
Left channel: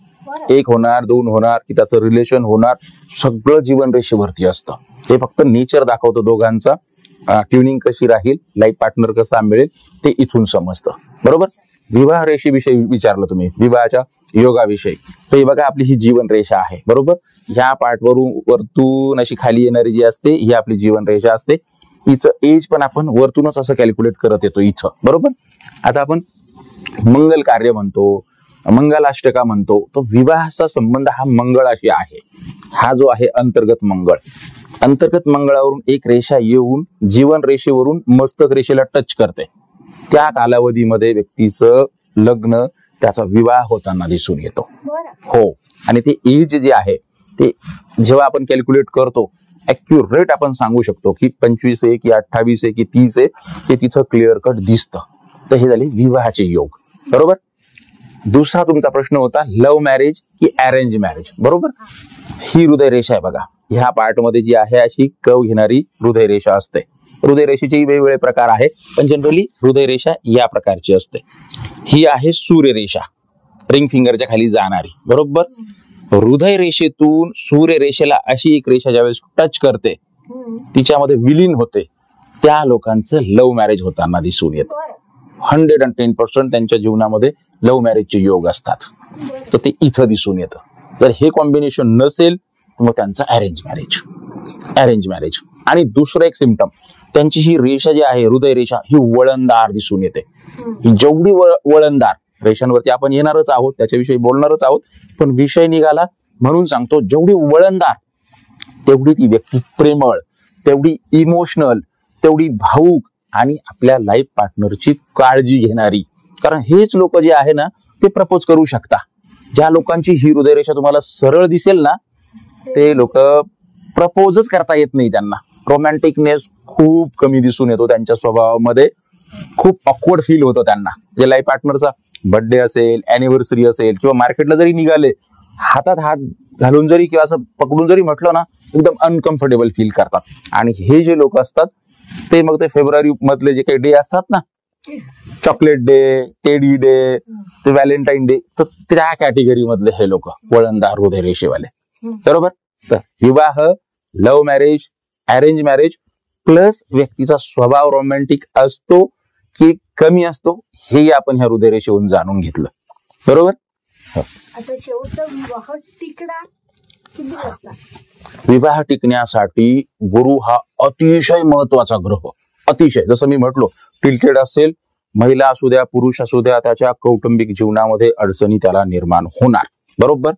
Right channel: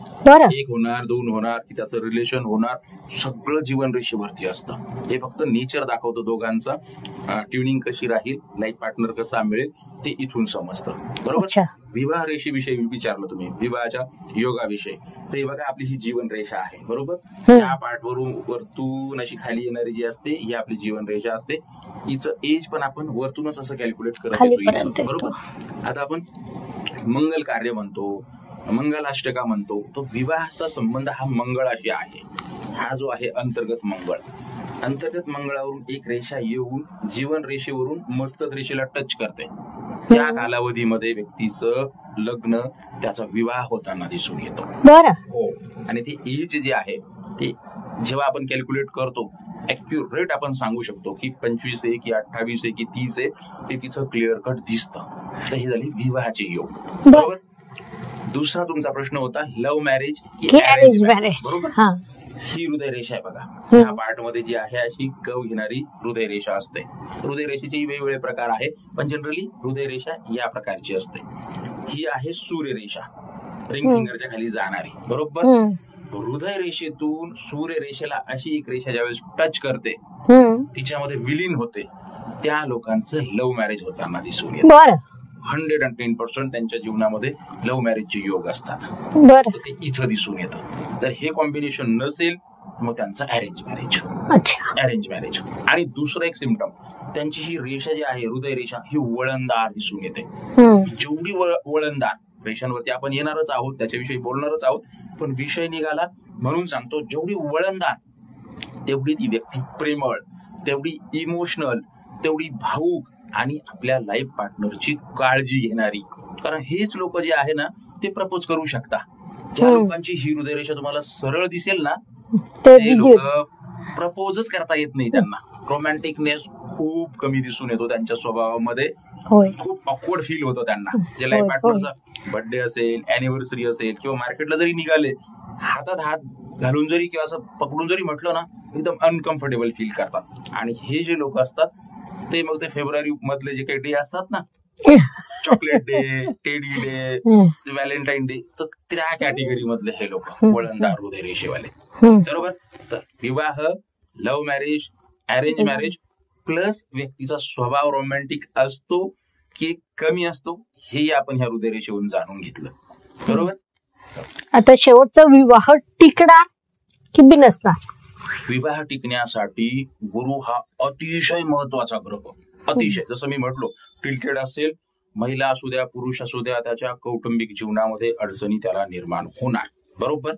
1 होणार, 2 होणार की त्याचं रिलेशन होणार, सगळं जीवन रेषेवरती असतं. हे फक्त नेचर दाखवतं दोघांचा. ट्युनिंग कशी राहील, लाईफ पार्टनर कसा मिळेल ते इथून समजतं. बरोबर. विवाह रेषेविषयी विचारलं तुम्ही, विवाहाच्या योगाविषयी. तर बघा, आपली ही जीवन रेषा आहे. बरोबर. ह्या पार्ट वरतून अशी खाली येणारी जी असते ही आपली जीवन रेषा असते. हिचं एज पण आपण वरतूनच असं कॅल्क्युलेट करत येतो इथं. बरोबर. आता आपण मंगल कार्य म्हणतो, मंगलाष्टका म्हणतो, तो विवाहाचा संबंध हा मंगळाशी आहे. हा जो आहे अंतर्गत मंगळ, अंतर्गत मंगळावरून एक रेषा येऊन जीवन रेषेवरून मस्तक रेषेला टच करते. त्या कालावधीमध्ये व्यक्तीचं लग्न, त्याचा विवाह होताना दिसून येतो. हो. आणि ते एज जे आहे ते जेव्हा आपण कॅल्क्युलेट करतो ऍक्युरेट आपण सांगू शकतो की 25 आहे की 28 आहे की 30 आहे, ते तिचं क्लिअर कट दिसतं. तर हे झाले विवाहाचे योग. बरोबर. दुसरा तुमचा प्रश्न होता लव्ह मॅरेज की अरेंज मॅरेज. बरोबर. ही हृदय रेषा आहे बघा. ह्या पार्ट मध्ये जी आहे अशी कव घेणारी हृदय रेषा असते. हृदय रेषेचेही वेगवेगळे प्रकार आहे, पण जनरली हृदय रेषा या प्रकारची असते. ही आहे सूर्यरेषा, रिंग फिंगरच्या खाली जाणारी. बरोबर. हृदय रेषेतून सूर्य रेषेला अशी एक रेषा ज्यावेळेस टच करते, तिच्यामध्ये विलीन होते, त्या लोकांचं लव्ह मॅरेज होताना दिसून येतं. 110% त्यांच्या जीवनामध्ये लव्ह मॅरेजचे योग असतात. तर ते इथं दिसून येतं. जर हे कॉम्बिनेशन नसेल तर मग त्यांचं अरेंज मॅरेज. Arrange marriage. आणि दुसरं एक सिम्पटम, त्यांची ही रेषा जी आहे हृदय रेषा ही वळणदार दिसून येते. जेवढी वळणदार रेषांवरती आपण येणारच आहोत, त्याच्याविषयी बोलणारच आहोत. पण विषय निघाला म्हणून सांगतो, जेवढी वळणदार तेवढी ती व्यक्ती प्रेमळ, तेवढी इमोशनल, तेवढी भावूक आणि आपल्या लाईफ पार्टनरची काळजी घेणारी. कारण हेच लोक जे आहे ना ते प्रपोज करू शकता. ज्या लोकांची ही हृदयरेषा तुम्हाला सरळ दिसेल ना ते लोक प्रपोजच करता येत नाही त्यांना. रोमॅन्टिकनेस खूप कमी दिसून येतो त्यांच्या स्वभावामध्ये. खूप ऑकवर्ड फील होतं त्यांना. जे लाईफ पार्टनरचा बर्थडे असेल, अॅनिव्हर्सरी असेल किंवा मार्केटला जरी निघाले, हातात हात घालून जरी किंवा असं पकडून जरी म्हटलं ना एकदम अनकम्फर्टेबल फील करतात. आणि हे जे लोक असतात ते मग ते फेब्रुवारी मधले जे काही डे असतात ना, चॉकलेट डे, टेडी डे, ते व्हॅलेंटाईन डे, तर त्या कॅटेगरी मधले हे लोक वळणदार हृदय रेषेवाले. बरोबर. तर विवाह, love marriage, arrange marriage plus व्यक्तीचा स्वभाव रोमॅन्टिक असतो की कमी असतो हे आपण ह्या हृदय रेषेवरून जाणून घेतलं. बरोबर. आता शेवटचा, विवाह टिकणार की बिनसणार? विवाह टिकण्यासाठी गुरु हा अतिशय महत्वाचा ग्रह. अतिशय, जसं मी म्हटलो, टिल्टेड असेल, महिला असू द्या पुरुष असू द्या, त्याच्या कौटुंबिक जीवनामध्ये अडचणी त्याला निर्माण होणार. बरोबर.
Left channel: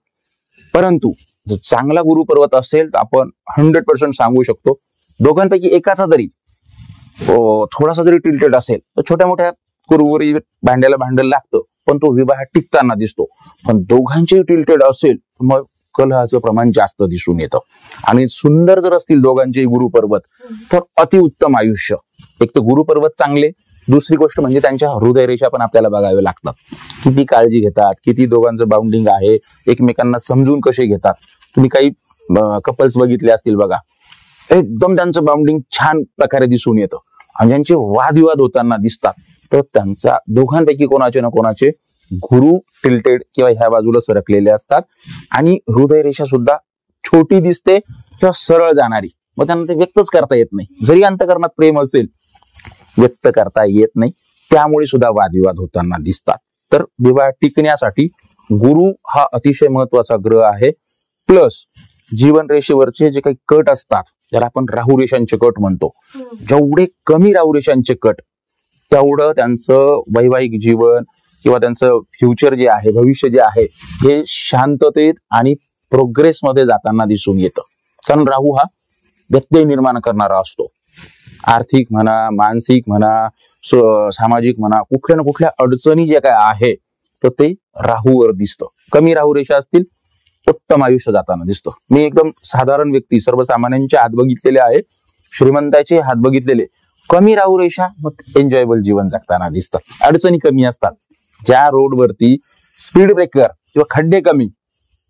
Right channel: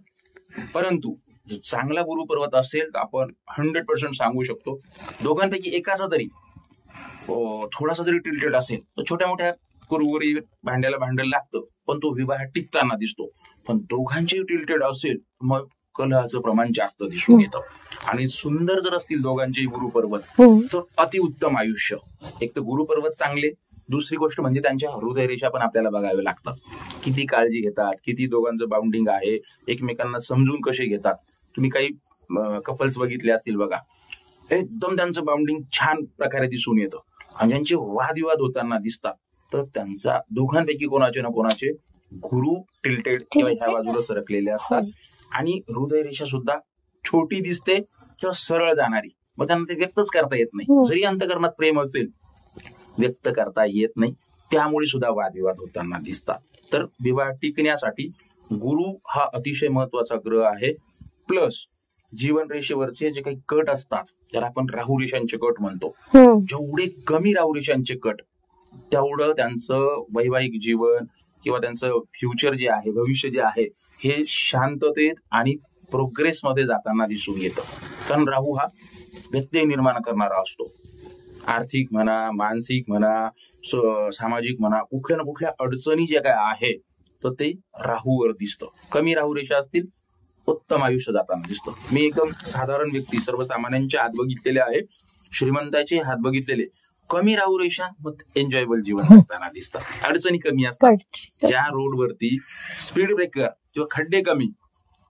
परंतु जर चांगला गुरुपर्वत असेल तर आपण 100% सांगू शकतो दोघांपैकी एकाचा तरी थोडासा जरी टिल्टेड असेल तर छोट्या मोठ्या कुरवरी भांड्याला भांडण लागतं, पण तो विवाह टिकताना दिसतो. पण दोघांचे टिल्टेड असेल मग कलहाचं प्रमाण जास्त दिसून येतं. आणि सुंदर जर असतील दोघांचे गुरुपर्वत तर अतिउत्तम आयुष्य. एक तर गुरुपर्वत चांगले, दुसरी गोष्ट म्हणजे त्यांच्या हृदय रेषा पण आपल्याला बघावे लागतात. किती काळजी घेतात, किती दोघांचं बाउंडिंग आहे, एकमेकांना समजून कसे घेतात. तुम्ही काही कपल्स बघितले असतील बघा, एकदम त्यांचं बाउंडिंग छान प्रकारे दिसून येतं. आणि ज्यांचे वादविवाद होताना दिसतात तर त्यांचा दोघांपैकी कोणाचे ना कोणाचे गुरु टिल्टेड किंवा ह्या बाजूला सरकलेले असतात. आणि हृदय रेषा सुद्धा छोटी दिसते किंवा सरळ जाणारी, मग त्यांना ते व्यक्तच करता येत नाही. जरी अंतःकरणात प्रेम असेल व्यक्त करता येत नाही, त्यामुळे सुद्धा वादविवाद होताना दिसतात. तर विवाह टिकण्यासाठी गुरु हा अतिशय महत्वाचा ग्रह आहे. प्लस जीवन रेषेवरचे जे काही कट असतात ज्याला आपण राहू रेषांचे कट म्हणतो, जेवढे कमी राहू रेषांचे कट तेवढं त्यांचं वैवाहिक जीवन किंवा त्यांचं फ्युचर जे आहे, भविष्य जे आहे, हे शांततेत आणि प्रोग्रेसमध्ये जाताना दिसून येतं. कारण राहू हा व्यत्यय निर्माण करणारा असतो. आर्थिक म्हणा, मानसिक म्हणा, सामाजिक म्हणा, कुठल्या ना कुठल्या अडचणी ज्या काय आहे तर ते राहूवर दिसतं. कमी राहू रेषा असतील उत्तम आयुष्य जाताना दिसतं. मी एकदम साधारण व्यक्ती, सर्वसामान्यांचे हात बघितलेले आहे, श्रीमंताचे हात बघितलेले. कमी राहू रेषा मग एन्जॉयबल जीवन जगताना दिसतं. अडचणी कमी असतात. ज्या रोडवरती स्पीड ब्रेकर किंवा खड्डे कमी,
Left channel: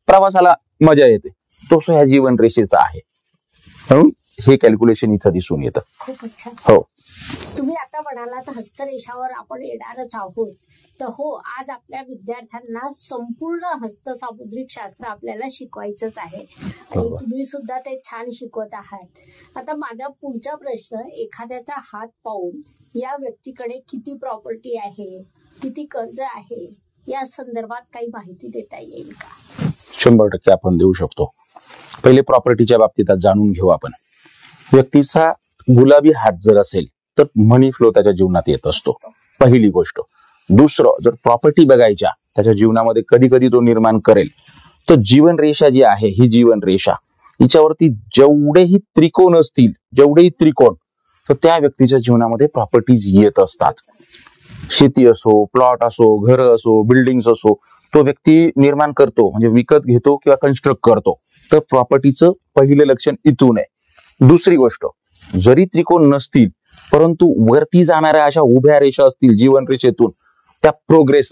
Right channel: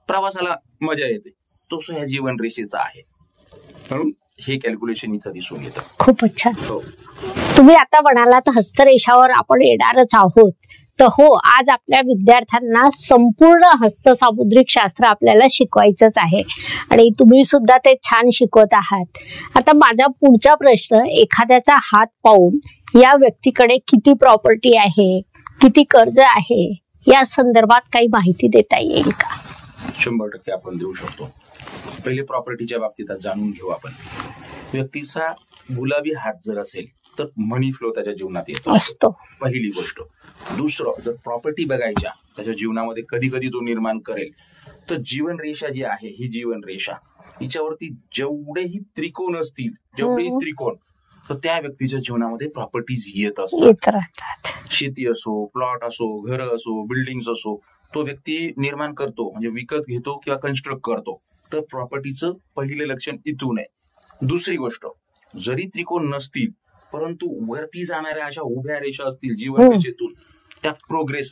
प्रवासाला मजा येते, तो ह्या जीवन रेषेचा आहे. म्हणून हे कॅल्क्युलेशन इथं दिसून येतं. खूपच छान. हो. तुम्ही आता म्हणालात हस्तरेषावर आपण येणारच आहोत, तर हो, आज आपल्या विद्यार्थ्यांना संपूर्ण हस्तसामुद्रिक शास्त्र आपल्याला शिकवायचंच आहे आणि तुम्ही सुद्धा ते छान शिकवत आहात. आता माझा पुढचा प्रश्न, एखाद्याचा हात पाहून या व्यक्तीकडे किती प्रॉपर्टी आहे, किती कर्ज आहे, या संदर्भात काही माहिती देता येईल का? 100% आपण देऊ शकतो. पहिले प्रॉपर्टीच्या बाबतीत जाणून घेऊ आपण. व्यक्तीचा गुलाबी हात जर असेल तर मनी फ्लो त्याच्या जीवनात येत असतो, पहिली गोष्ट. दुसरं, जर प्रॉपर्टी बघायच्या त्याच्या जीवनामध्ये कधी कधी तो निर्माण करेल तर जीवन रेषा जी आहे ही जीवन रेषा हिच्यावरती जेवढेही त्रिकोण असतील, जेवढेही त्रिकोण, तर त्या व्यक्तीच्या जीवनामध्ये प्रॉपर्टीज येत असतात. शेती असो, प्लॉट असो, घर असो, बिल्डिंग असो, तो व्यक्ती निर्माण करतो, म्हणजे विकत घेतो किंवा कन्स्ट्रक्ट करतो. तर प्रॉपर्टीचं पहिलं लक्षण इथून आहे. दुसरी गोष्ट, जरी त्रिकोण नसतील परंतु वरती जाणाऱ्या अशा उभ्या रेषा असतील जीवन रेषेतून, त्या प्रोग्रेस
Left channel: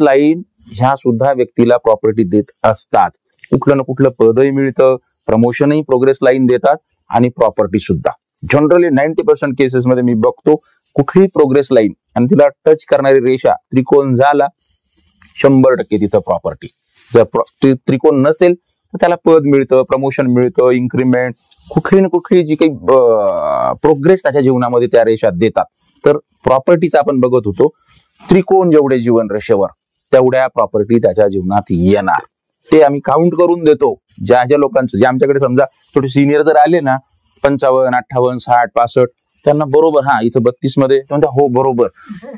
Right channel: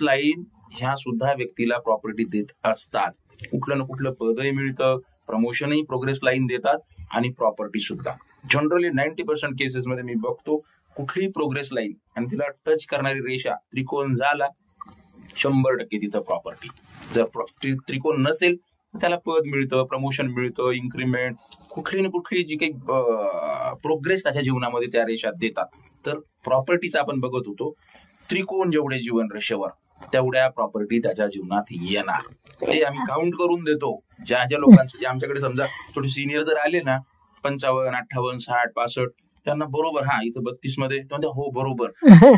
लाईन ह्या सुद्धा व्यक्तीला प्रॉपर्टी देत असतात. कुठलं ना कुठलं पदही मिळतं, प्रमोशनही प्रोग्रेस लाईन देतात आणि प्रॉपर्टी सुद्धा. जनरली 90% केसेसमध्ये मी बघतो कुठलीही प्रोग्रेस लाईन आणि तिला टच करणारी रेषा त्रिकोण झाला 100% तिथं प्रॉपर्टी. जर त्रिकोण नसेल तर त्याला पद मिळतं, प्रमोशन मिळतं, इन्क्रीमेंट, कुठली ना कुठली जी काही प्रोग्रेस त्याच्या जीवनामध्ये त्या रेषात देतात. तर प्रॉपर्टीचा आपण बघत होतो, त्रिकोण जेवढे जीवन रेषेवर तेवढ्या प्रॉपर्टी त्याच्या जीवनात येणार. ते आम्ही काउंट करून देतो. ज्या ज्या लोकांचं, जे आमच्याकडे समजा थोडे सिनियर जर आले ना, 55, 58, 60, 65, त्यांना बरोबर हा इथं 32 मध्ये, हो बरोबर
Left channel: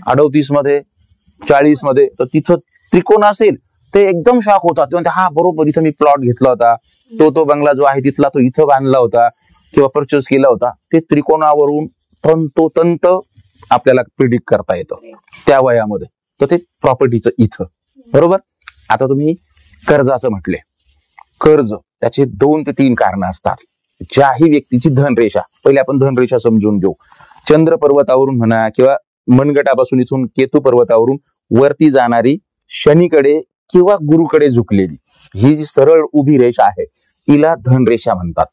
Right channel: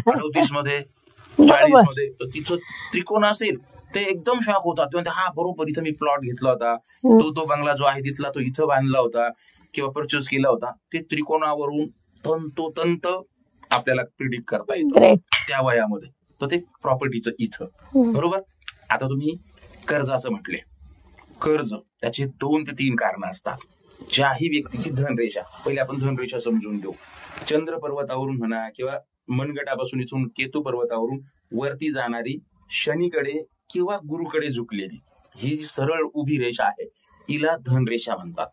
38 मध्ये, 40 मध्ये, तर तिथं त्रिकोण असेल ते एकदम शॉक होतात. ते म्हणते हा बरोबर इथं मी प्लॉट घेतला होता, तो बंगला जो आहे तिथला तो इथं बांधला होता किंवा परचेस केला होता. ते त्रिकोणावरून तंतोतंत आपल्याला प्रिडिक्ट करता येतं त्या वयामध्ये. तर ते प्रॉपर्टीचं इथं बरोबर. आता तुम्ही कर्जाचं म्हटले, कर्ज त्याचे 2 ते 3 कारणं असतात. ज्याही व्यक्तीची धनरेषा, पहिले आपण धनरेषा समजून घेऊ. चंद्र पर्वतावरून म्हणा किंवा मनगटापासून इथून केतू पर्वतावरून वरती जाणारी शनीकडे किंवा गुरुकडे झुकलेली ही जी सरळ उभी रेषा आहे हिला धनरेषा म्हणतात.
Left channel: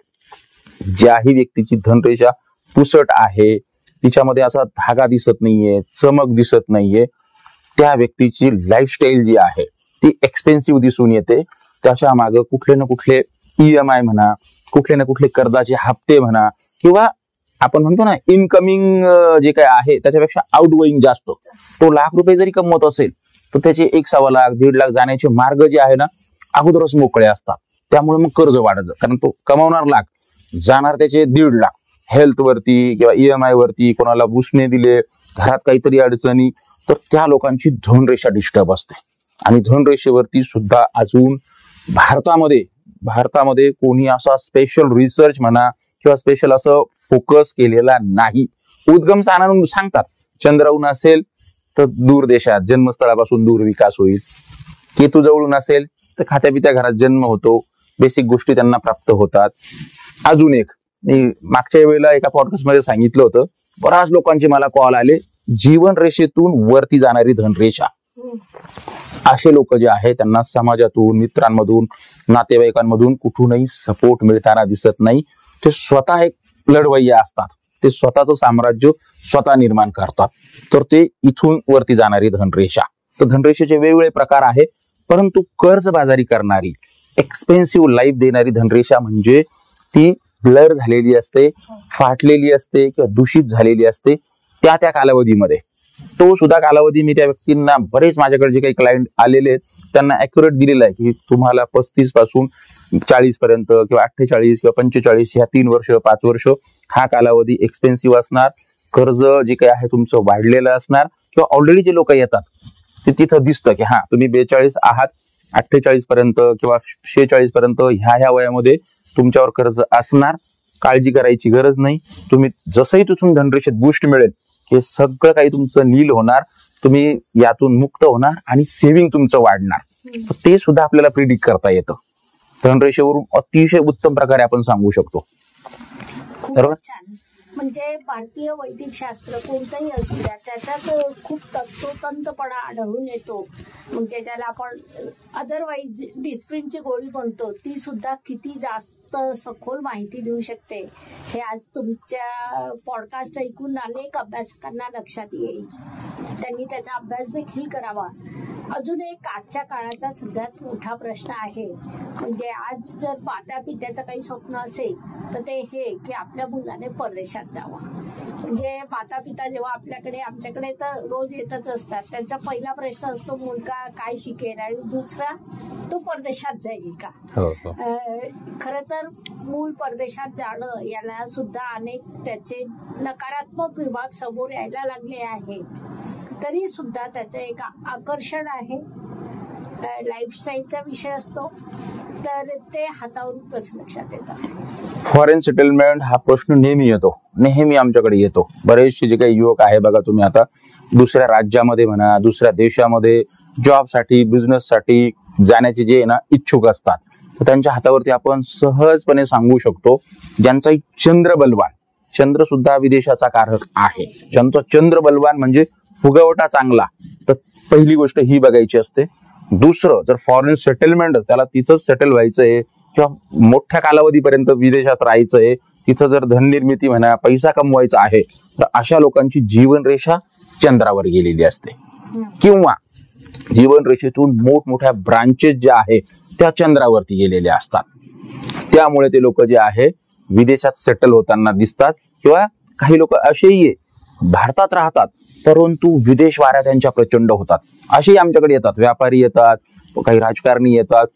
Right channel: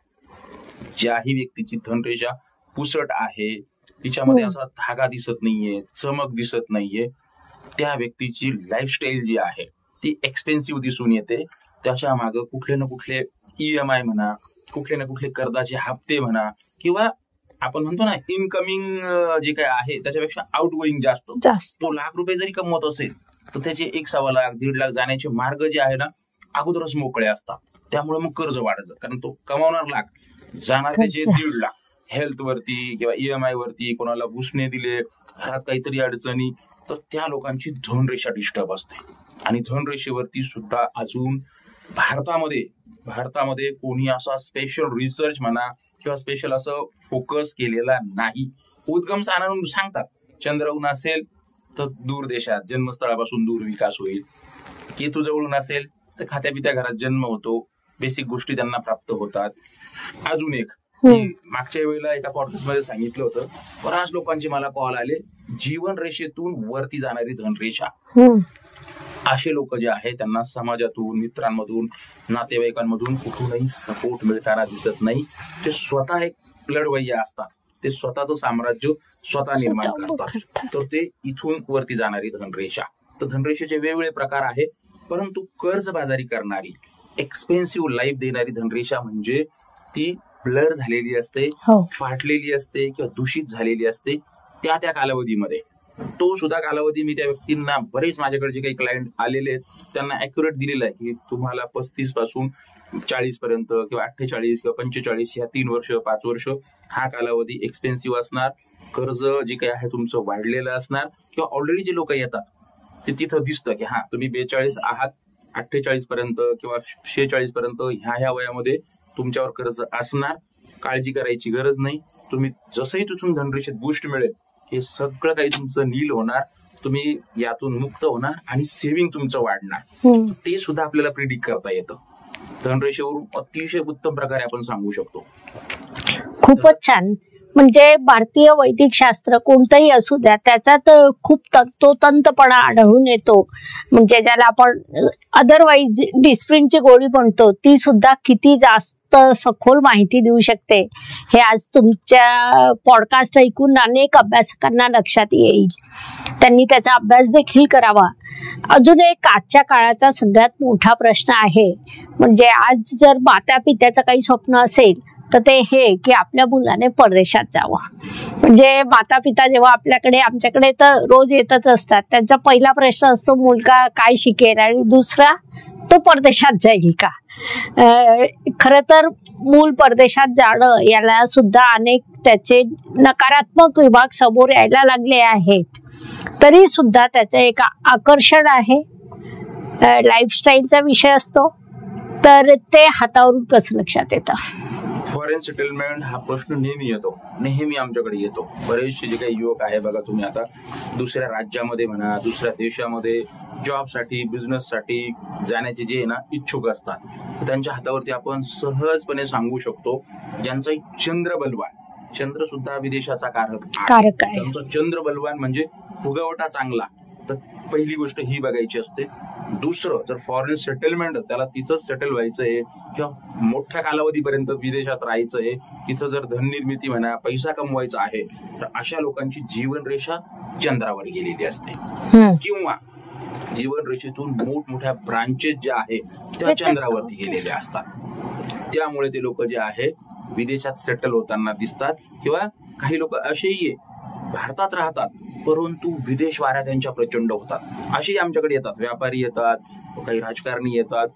ज्याही व्यक्तीची धनरेषा पुसट आहे, तिच्यामध्ये असा धागा दिसत नाहीये, चमक दिसत नाहीये, त्या व्यक्तीची लाईफस्टाईल जी आहे ती एक्सपेन्सिव्ह दिसून येते. त्याच्या मागे कुठले ना कुठले EMI म्हणा, कुठले ना कुठले कर्जाचे हप्ते म्हणा, किंवा आपण म्हणतो ना इनकमिंग जे काय आहे त्याच्यापेक्षा आउटगोईंग जास्त. तो ₹1,00,000 जरी कमवत असेल तर त्याचे 1.25 लाख 1.5 लाख जाण्याचे मार्ग जे आहे ना अगोदरच मोकळे असतात. त्यामुळे मग कर्ज वाढत जातं, कारण तो कमावणार लाख, जाणार त्याचे 1.5 लाख हेल्थ वरती किंवा EMI वरती, कोणाला उसने दिले, घरात काहीतरी अडचणी, तर त्या लोकांची धनरेषा डिस्टर्ब असते. आणि धनरेषेवरती सुद्धा अजून भारतामध्ये कोणी असा स्पेशल रिसर्च म्हणा किंवा स्पेशल असं फोकस केलेला नाही. उद्गम स्थानावरून सांगतात चंद्रावरून असेल तर दूर देशात जन्मस्थळापासून दूर विकास होईल, केतू जवळून असेल तर खात्यापित्या घरात जन्म होतो, बेसिक गोष्टी त्यांना प्राप्त होतात. अजून एक मी मागच्या वेळेला एका पॉडकास्ट मध्ये सांगितलं होतं, बऱ्याच लोकांचे मला कॉल आले, जीवन रेषेतून वरती जाणारी धनरेषा. असे लोक जे आहे त्यांना समाजातून, मित्रांमधून, नातेवाईकांमधून कुठूनही सपोर्ट मिळताना दिसत नाही. ते स्वतः एक लढवय्या असतात, ते स्वतःचं साम्राज्य स्वतः निर्माण करतात. तर ते इथून वरती जाणारी धनरेषा. तर धनरेषेचे वेगवेगळे प्रकार आहे, परंतु कर्जबाजारी करणारी, एक्सपेन्सिव्ह लाईफ देणारी धनरेषा म्हणजे ती ब्लर झालेली असते, फाटलेली असते किंवा दूषित झालेली असते त्या कालावधीमध्ये. तो सुद्धा कालावधी मी त्या व्यक्तींना, बरेच माझ्याकडे जे काही क्लायंट आलेले आहेत त्यांना ऍक्युरेट दिलेला आहे की तुम्हाला 35 पासून 40 पर्यंत किंवा 48 किंवा 45 ह्या 3 वर्ष 5 वर्ष हा कालावधी एक्सपेन्सिव्ह असणार. कर्ज जे काही आहे तुमचं वाढलेलं असणार, किंवा ऑलरेडी जे लोक येतात ते तिथं दिसतं की हा तुम्ही 42 आहात, 48 पर्यंत किंवा 46 पर्यंत ह्या वयामध्ये तुमच्यावर कर्ज असणार, काळजी करायची गरज नाही. तुम्ही जसंही तिथून धनरेषेत बूस्ट मिळेल हे सगळं काही तुमचं नील होणार, तुम्ही यातून मुक्त होणार आणि सेव्हिंग तुमचं वाढणार. ते सुद्धा आपल्याला प्रिडिक्ट करता येतं. धनरेषेवरून अतिशय उत्तम प्रकारे आपण सांगू शकतो. खूपच छान. म्हणजे भारतीय वैदिक शास्त्र कोणतंही असू द्या त्याच्यात खूप तंतोतंतपणा आढळून येतो. म्हणजे ज्याला आपण अदरवाईज डिस्प्रिनची गोळी म्हणतो ती सुद्धा किती जास्त सखोल माहिती देऊ शकते हे आज तुमच्या पॉडकास्ट ऐकून अनेक अभ्यासकांना लक्षात येईल. त्यांनी त्याचा अभ्यास देखील करावा. अजून एक आजच्या काळाचा सगळ्यात मोठा प्रश्न आहे, म्हणजे आज जर माता पित्याचं काही स्वप्न असेल तर ते हे की आपल्या मुलाने परदेशात जावं. म्हणजे माता पिता जेव्हा आमच्याकडे तर रोज येतच असतात, त्यांचा पहिला प्रश्न असतो मुलगा काय शिकेल, आणि दुसरा तो परदेशात जाईल का. खरं तर मूल परदेशात जाणं याला सुद्धा अनेक त्याचे नकारात्मक विभाग समोर यायला लागले आहेत. तरी सुद्धा त्याचं एक आकर्षण आहे, लाईफस्टाईलचा विषय असतो, तर ते हातावरून कसं लक्षात येतं. फॉरेन सेटलमेंट हा प्रश्न नेहमी आमच्याकडे येतो. बरेचसे जे काही युवक आहे बघा, तुम्ही आता दुसऱ्या राज्यामध्ये म्हणा, दुसऱ्या देशामध्ये जॉबसाठी, बिझनेससाठी जाण्याचे जे ना इच्छुक असतात, तर त्यांच्या हातावरती आपण सहजपणे सांगू शकतो ज्यांचा चंद्र बलवान, चंद्र सुद्धा विदेशाचा कारक आहे, ज्यांचा चंद्र बलवान म्हणजे फुगवटा चांगला, तर पहिली गोष्ट ही बघायची असते. दुसरं, जर फॉरेन सेटलमेंट त्याला तिथंच सेटल व्हायचंय किंवा मोठ्या कालावधीपर्यंत विदेशात राहायचंय, तिथं जर धननिर्मिती म्हणा, पैसा कमवायचा आहे, तर अशा लोकांची जीवनरेषा चंद्रावर गेलेली असते. किंवा जीवनरेषेतून मोठमोठ्या ब्रांचेस ज्या आहेत त्या चंद्रावरती गेलेल्या असतात. त्यामुळे ते लोक जे आहे विदेशात सेटल होताना दिसतात. किंवा काही लोक असेही भारतात राहतात परंतु विदेश वाऱ्या त्यांच्या प्रचंड होतात. असेही आमच्याकडे येतात, व्यापारी येतात, काही राजकारणी येतात,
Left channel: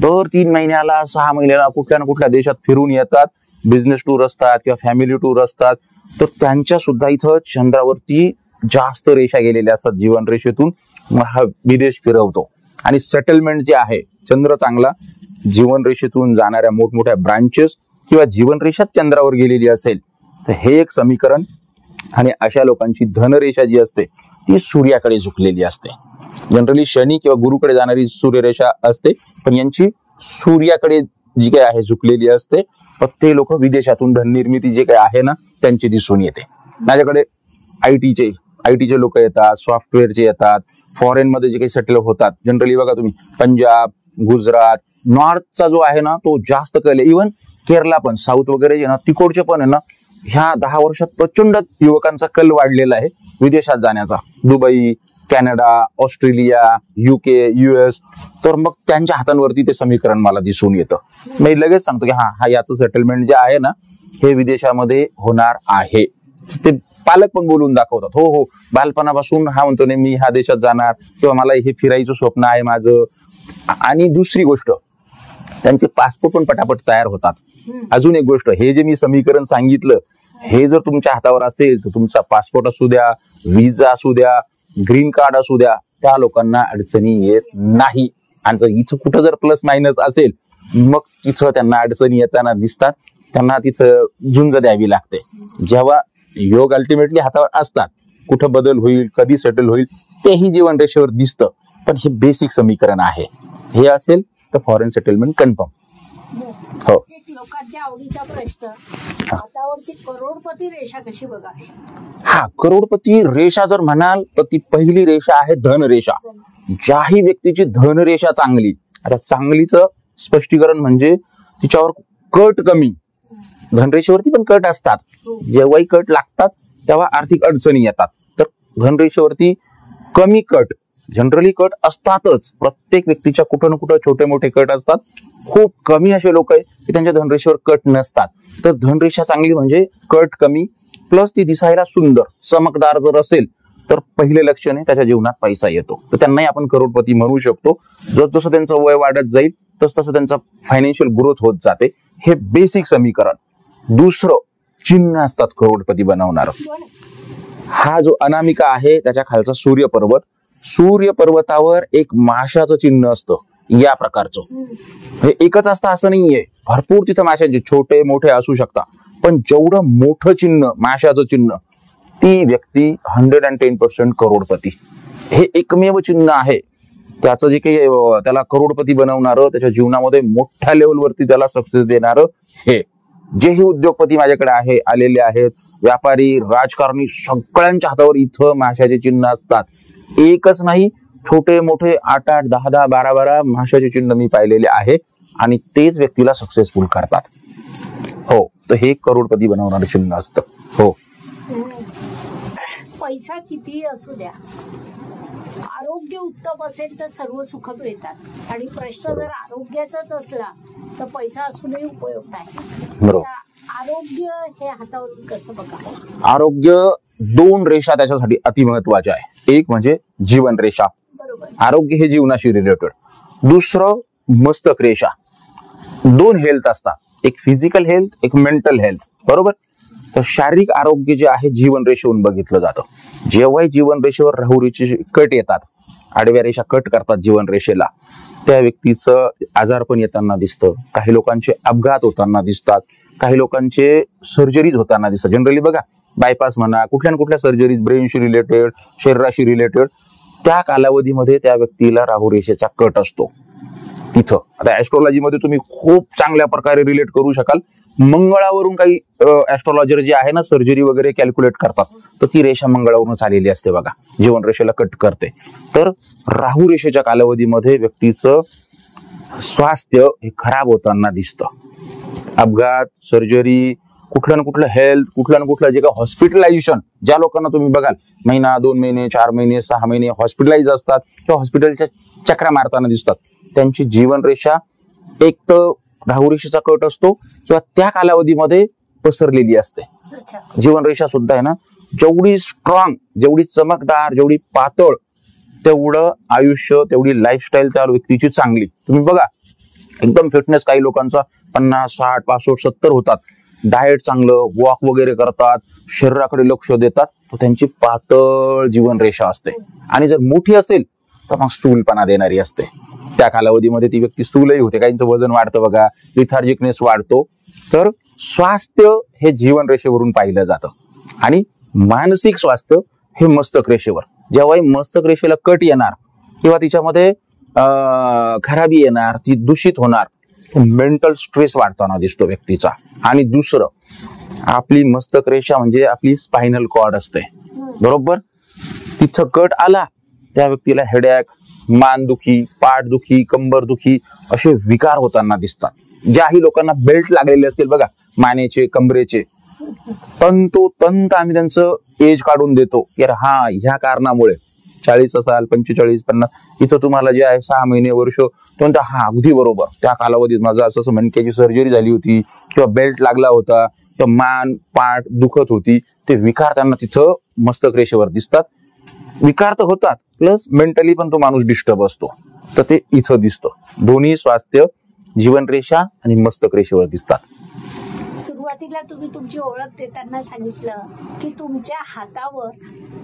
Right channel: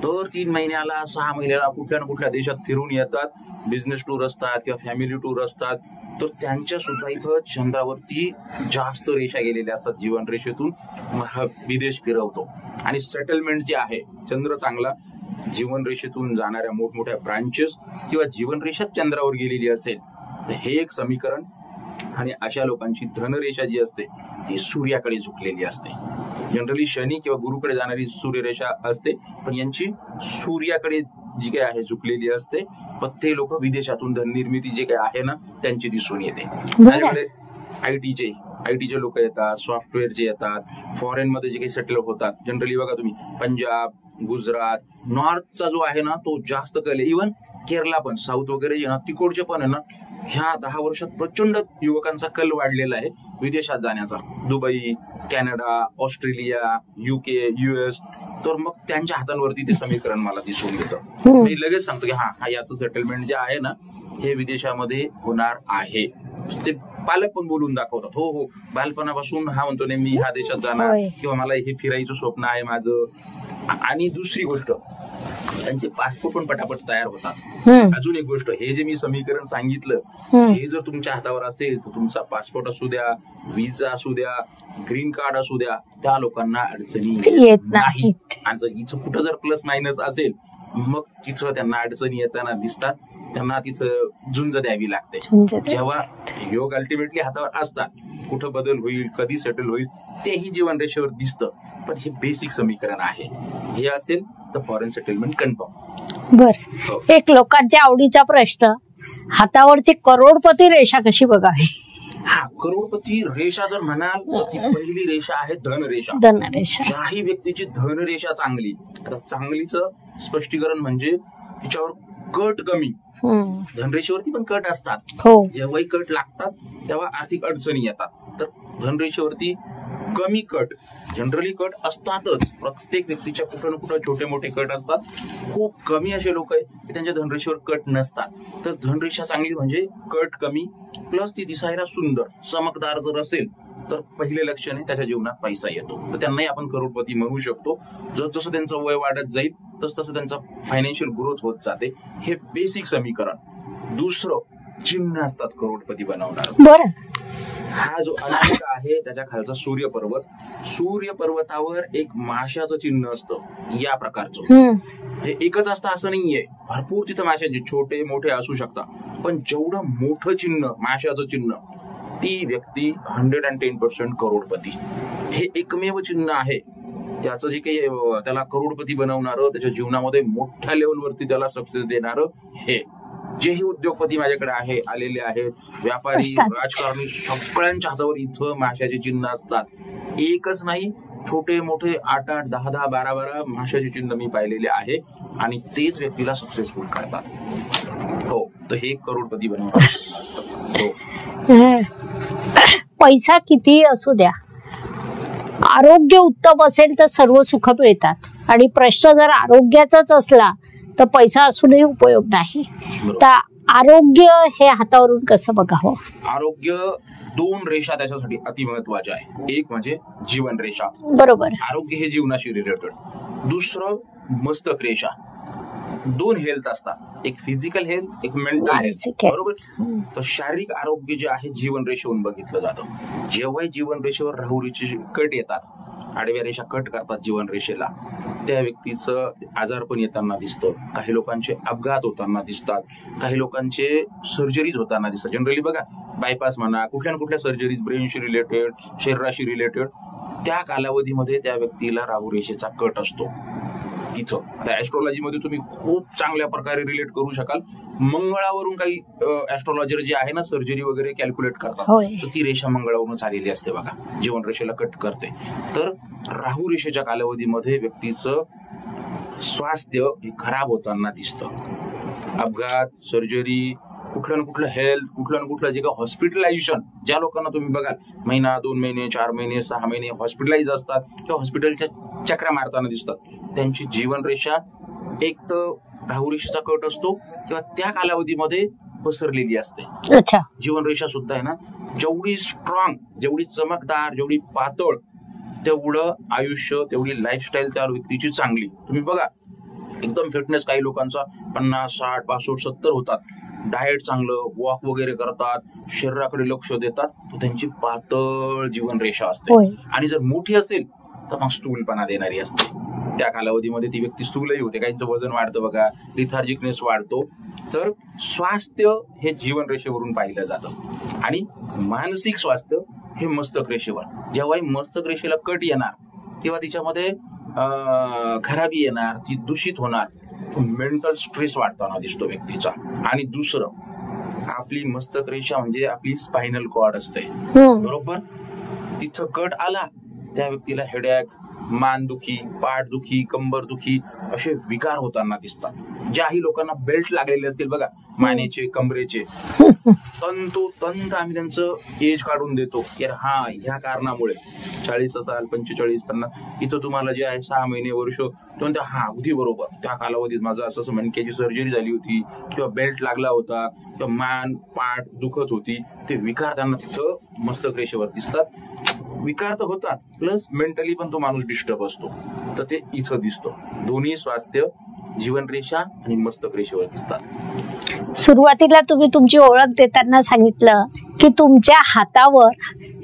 दर 3 महिन्याला 6 महिन्याला कुठल्या ना कुठल्या देशात फिरून येतात. बिझनेस टूर असतात किंवा फॅमिली टूर असतात, तर त्यांच्या सुद्धा इथं चंद्रावरती जास्त रेषा गेलेल्या असतात जीवन रेषेतून. मग हा विदेश फिरवतो. आणि सेटलमेंट जे आहे, चंद्र चांगला, जीवनरेषेतून जाणाऱ्या मोठमोठ्या ब्रांचेस किंवा जीवनरेषाच चंद्रावर गेलेली असेल तर हे एक समीकरण. आणि अशा लोकांची धनरेषा जी असते ती सूर्याकडे झुकलेली असते. जनरली शनी किंवा गुरुकडे जाणारी सूर्यरेषा असते, पण यांची सूर्याकडे जी काही आहे झुकलेली असते. पण ते लोक विदेशातून धन निर्मिती जे काही आहे ना त्यांची दिसून येते. माझ्याकडे आयटीचे लोक येतात, सॉफ्टवेअरचे येतात, फॉरेन मध्ये जे काही सेटल होतात. जनरली बघा तुम्ही पंजाब, गुजरात, नॉर्थचा जो आहे ना तो जास्त कल आहे. इव्हन केरला पण, साऊथ वगैरे ना तिकडचे पण आहे ना, ह्या 10 वर्षात प्रचंड युवकांचा कल वाढलेला आहे विदेशात जाण्याचा. Dubai, Canada, Australia, UK, US. तर मग त्यांच्या हातांवरती ते समीकरण मला दिसून येतं. मी लगेच सांगतो की हा याचं सेटलमेंट जे आहे ना हे विदेशामध्ये होणार आहे. ते पालक पण बोलून दाखवतात, हो बालपणापासून हा म्हणतो नाही मी ह्या देशात जाणार किंवा मला हे फिरायचं स्वप्न आहे माझं. आणि दुसरी गोष्ट, त्यांचे पासपोर्ट पण पटापट तयार होतात. अजून एक गोष्ट, हे जे मी समीकरण सांगितलं हे जर तुमच्या हातावर असेल तर तुमचा पासपोर्ट असू द्या, विजा असू द्या, ग्रीन कार्ड असू द्या, त्या लोकांना अडचणी येत नाही. आणि जर इथं कुठं जर प्लस मायनस असेल मग तिथं त्यांना अडचणी येताना दिसतात, त्यांना तिथं झुंज द्यावी लागते. जेव्हा योग अल्टिमेटली हातावर असतात, कुठं बदल होईल, कधी सेटल होईल तेही जीवन रेषेवर दिसतं. पण हे बेसिक समीकरण आहे. हे असेल तर फॉरेन सेटलमेंट कन्फर्म. बर, एक लोकांच्या आवडीचा प्रश्न, हातावरची करोडपती रेषा कशी बघावी? करोडपती रेषा जर म्हणाल तर ती पहिली रेषा आहे धनरेषा. ज्याही व्यक्तीची धनरेषा चांगली, आता चांगलीचं स्पष्टीकरण म्हणजे तिच्यावर कट कमी. धनरेषेवरती पण कट असतात, जेव्हाही कट लागतात तेव्हा आर्थिक अडचणी येतात. तर धनरेषेवरती कमी कट, जनरली कट असतातच. प्रत्येक व्यक्तीच्या कुठं ना कुठं छोटे मोठे कट असतात. खूप कमी असे लोक आहेत की त्यांच्या धनरेषेवर कट नसतात. तर धनरेषा चांगली म्हणजे कट कमी, प्लस ती दिसायला सुंदर चमकदार जर असेल तर पहिले लक्षण आहे त्याच्या जीवनात पैसा येतो. तर त्यांनाही आपण करोडपती म्हणू शकतो. जसं त्यांचं वय वाढत जाईल तसं त्यांचा फायनान्शियल ग्रोथ होत जाते. हे बेसिक समीकरण. दुसरं, चिन्ह असतात करोडपती बनवणार. हा जो अनामिका आहे त्याच्या खालचा सूर्यपर्वत, सूर्यपर्वतावर एक माशाचं चिन्ह असतं या प्रकारचं. हे एकच असतं असं नाहीये, भरपूर तिथं माशांचे छोटे मोठे असू शकतात. पण जेवढं मोठं चिन्ह, माशाचं चिन्ह, ती व्यक्ती 110% करोडपती. हे एकमेव चिन्ह आहे त्याचं जे काही त्याला करोडपती बनवणारं, त्याच्या जीवनामध्ये मोठ्या लेवलवरती त्याला सक्सेस देणारं. हे जेही उद्योगपती माझ्याकडे आलेले आहेत, व्यापारी, राजकारणी, सगळ्यांच्या हातावर इथं माशाचे चिन्ह असतात. एकच नाही, छोटे मोठे 8-8, 10-10, 12-12 माशाचे चिन्ह मी पाहिलेले आहे. आणि तेच व्यक्तीला सक्सेसफुल करतात. हो, तर हे करोडपती बनवणारं चिन्ह असतं. हो, पैसा किती असू द्या, आरोग्य उत्तम असेल तर सर्व सुख मिळतात. आणि प्रश्न जर आरोग्याचाच असला तर पैसा असूनही उपयोग नाही. तर आरोग्य हे हातावरून कसं बघावं? आरोग्य 2 रेषा त्याच्यासाठी अतिमहत्वाच्या आहे. एक म्हणजे जीवन रेषा, बरोबर, आरोग्य हे जीवनाशी रिलेटेड. दुसरं मस्तक रेषा. 2 हेल्थ असतात, एक फिजिकल हेल्थ, एक मेंटल हेल्थ, बरोबर. तर शारीरिक आरोग्य जे आहे जीवन रेषेवरून बघितलं जातं. जेव्हाही जीवन रेषेवर राहू रेषेचे कट येतात, आडव्या रेषा कट करतात जीवन रेषेला, त्या व्यक्तीचं आजारपण येताना दिसतं. काही लोकांचे अपघात होताना दिसतात, काही लोकांचे सर्जरीज होताना दिसतात. जनरली बघा, बायपास म्हणा, कुठल्या ना कुठल्या सर्जरीज ब्रेनशी रिलेटेड, शरीराशी रिलेटेड, त्या कालावधीमध्ये त्या व्यक्तीला राहू रेषेचा कट असतो तिथं. आता ऍस्ट्रॉलॉजी मध्ये तुम्ही खूप चांगल्या प्रकारे रिलेट करू शकाल. मंगळावरून काही ऍस्ट्रॉलॉजर जे आहे ना सर्जरी वगैरे कॅल्क्युलेट करतात, तर ती रेषा मंगळावरून आलेली असते बघा, जीवन रेषेला कट करते. तर राहू रेषेच्या कालावधीमध्ये व्यक्तीचं स्वास्थ्य हे खराब होताना दिसतं. अपघात, सर्जरी, कुठलं ना कुठलं हेल्थ, कुठलं ना कुठलं जे काही हॉस्पिटलायझेशन, ज्या लोकांना तुम्ही बघाल महिना, 2 महिने, 4 महिने, 6 महिने हॉस्पिटलाइज असतात किंवा हॉस्पिटलच्या चक्रा मारताना दिसतात, त्यांची जीवन रेषा एक तर राहू रेषेचा कट असतो किंवा त्या कालावधीमध्ये पसरलेली असते. जीवन रेषा सुद्धा आहे ना, जेवढी स्ट्रॉंग, जेवढी चमकदार, जेवढी पातळ, तेवढं आयुष्य, तेवढी लाईफस्टाईल त्या व्यक्तीची चांगली. तुम्ही बघा, एकदम फिटनेस काही लोकांचा 50, 60, 65, 70 होतात. डाएट चांगलं, वॉक वगैरे करतात, शरीराकडे लक्ष देतात, तर त्यांची पातळ जीवन रेषा असते. आणि जर मोठी असेल तर मग स्थूलपणा देणारी असते. त्या कालावधीमध्ये ती व्यक्ती स्थूलही होते, काहींचं वजन वाढतं बघा, लिथार्जिकनेस वाढतो. तर स्वास्थ्य हे जीवन रेषेवरून पाहिलं जातं आणि मानसिक स्वास्थ्य हे मस्तक रेषेवर. जेव्हा मस्तक रेषेला कट येणार तेव्हा तिच्यामध्ये खराबी येणार, ती दूषित होणार, मेंटल स्ट्रेस वाढताना दिसतो व्यक्तीचा. आणि दुसरं, आपली मस्तक रेषा म्हणजे आपली स्पायनल कॉर्ड असते, बरोबर. तिथं कट आला त्या व्यक्तीला हेडॅक, मानदुखी, पाठदुखी, कंबरदुखी असे विकार होताना दिसतात. ज्याही लोकांना बेल्ट लागलेले असतील बघा, मानेचे, कमरेचे, तंतोतंत आम्ही त्यांचं एज काढून देतो की हा ह्या कारणामुळे 40 असाल, 45, 50, इथं तुम्हाला जे आहे 6 महिने, वर्ष, तो हा अगदी बरोबर त्या कालावधीत माझं असं मणक्याची सर्जरी झाली होती किंवा बेल्ट लागला होता किंवा मान पाठ दुखत होती. ते विकार त्यांना तिथं मस्तक रेषेवर दिसतात. विकार तर होतात, प्लस मेंटली पण तो माणूस डिस्टर्ब असतो. तर ते इथं दिसतं. दोन्ही स्वास्थ्य जीवन रेषा आणि मस्तक रेषेवर दिसतात. सुरुवातीला तुम्ही तुमची ओळख देताना सांगितलं की तुमच्या हातावर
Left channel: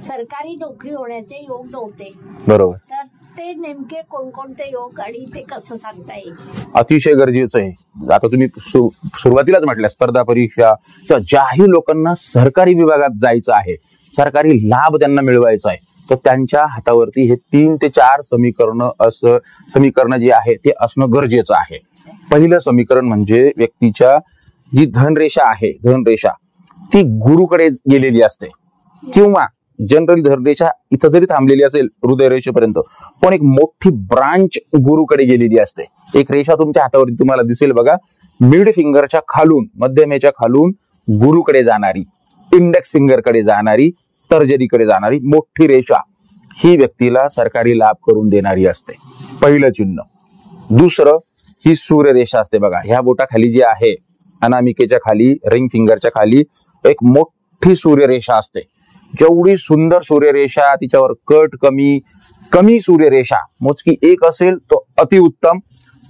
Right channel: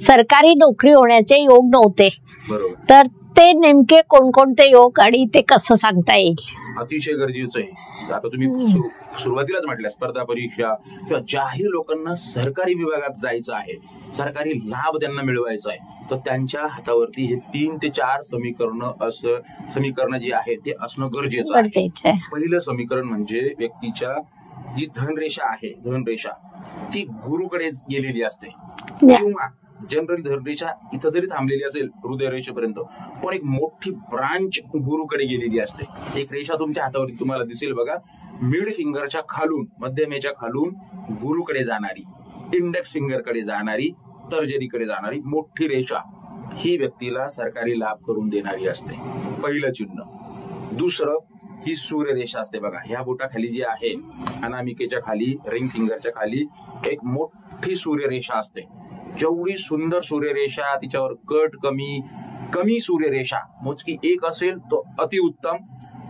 सरकारी नोकरी होण्याचे योग नव्हते, बरोबर. तर ते नेमके कोणकोणते योग आणि ते कसं सांगता येईल? अतिशय गरजेचं आहे. आता तुम्ही सुरुवातीलाच म्हटल्या स्पर्धा परीक्षा किंवा ज्याही लोकांना सरकारी विभागात जायचं आहे, सरकारी लाभ त्यांना मिळवायचा आहे, तर त्यांच्या हातावरती हे 3 ते 4 समीकरण जे आहे ते असणं गरजेचं आहे. पहिलं समीकरण म्हणजे व्यक्तीच्या जी धनरेषा आहे, धनरेषा ती गुरुकडे गेलेली असते किंवा जनरली धनरेषा इथं जरी थांबलेली असेल हृदयरेषेपर्यंत, पण एक मोठी ब्रांच गुरुकडे गेलेली असते. एक रेषा तुमच्या हातावरती तुम्हाला दिसेल बघा, मिड फिंगरच्या खालून, मध्यमेच्या खालून गुरुकडे जाणारी, इंडेक्स फिंगरकडे जाणारी, तर्जनीकडे जाणारी मोठी रेषा ही व्यक्तीला सरकारी लाभ करून देणारी असते. पहिलं चिन्ह. दुसरं, ही सूर्यरेषा असते बघा, ह्या बोटाखाली जी आहे, अनामिकेच्या खाली, रिंग फिंगरच्या खाली एक मोठी सूर्यरेषा असते. जेवढी सुंदर सूर्यरेषा, तिच्यावर कट कमी सूर्यरेषा मोजकी एक असेल तो अतिउत्तम.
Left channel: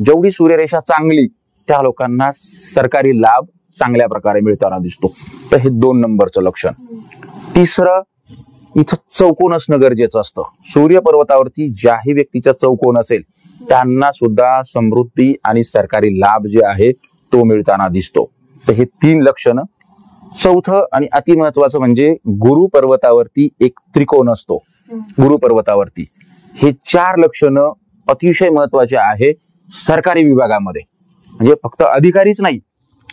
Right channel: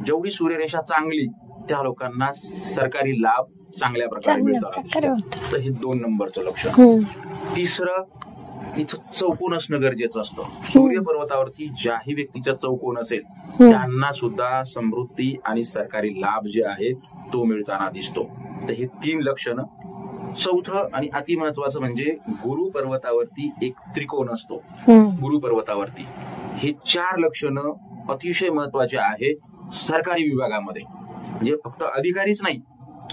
जेवढी सूर्यरेषा चांगली त्या लोकांना सरकारी लाभ चांगल्या प्रकारे मिळताना दिसतो. तर हे 2 नंबरचं लक्षण. तिसरं, इथं चौकोन असणं गरजेचं असतं. सूर्य पर्वतावरती ज्याही व्यक्तीचा चौकोन असेल त्यांना सुद्धा समृद्धी आणि सरकारी लाभ जे आहे तो मिळताना दिसतो. तर हे 3 लक्षणं. चौथं आणि अति महत्वाचं म्हणजे गुरु पर्वतावरती एक त्रिकोण असतो. गुरु पर्वतावरती हे 4 लक्षणं अतिशय महत्वाचे आहे सरकारी विभागामध्ये. म्हणजे फक्त अधिकारीच नाही,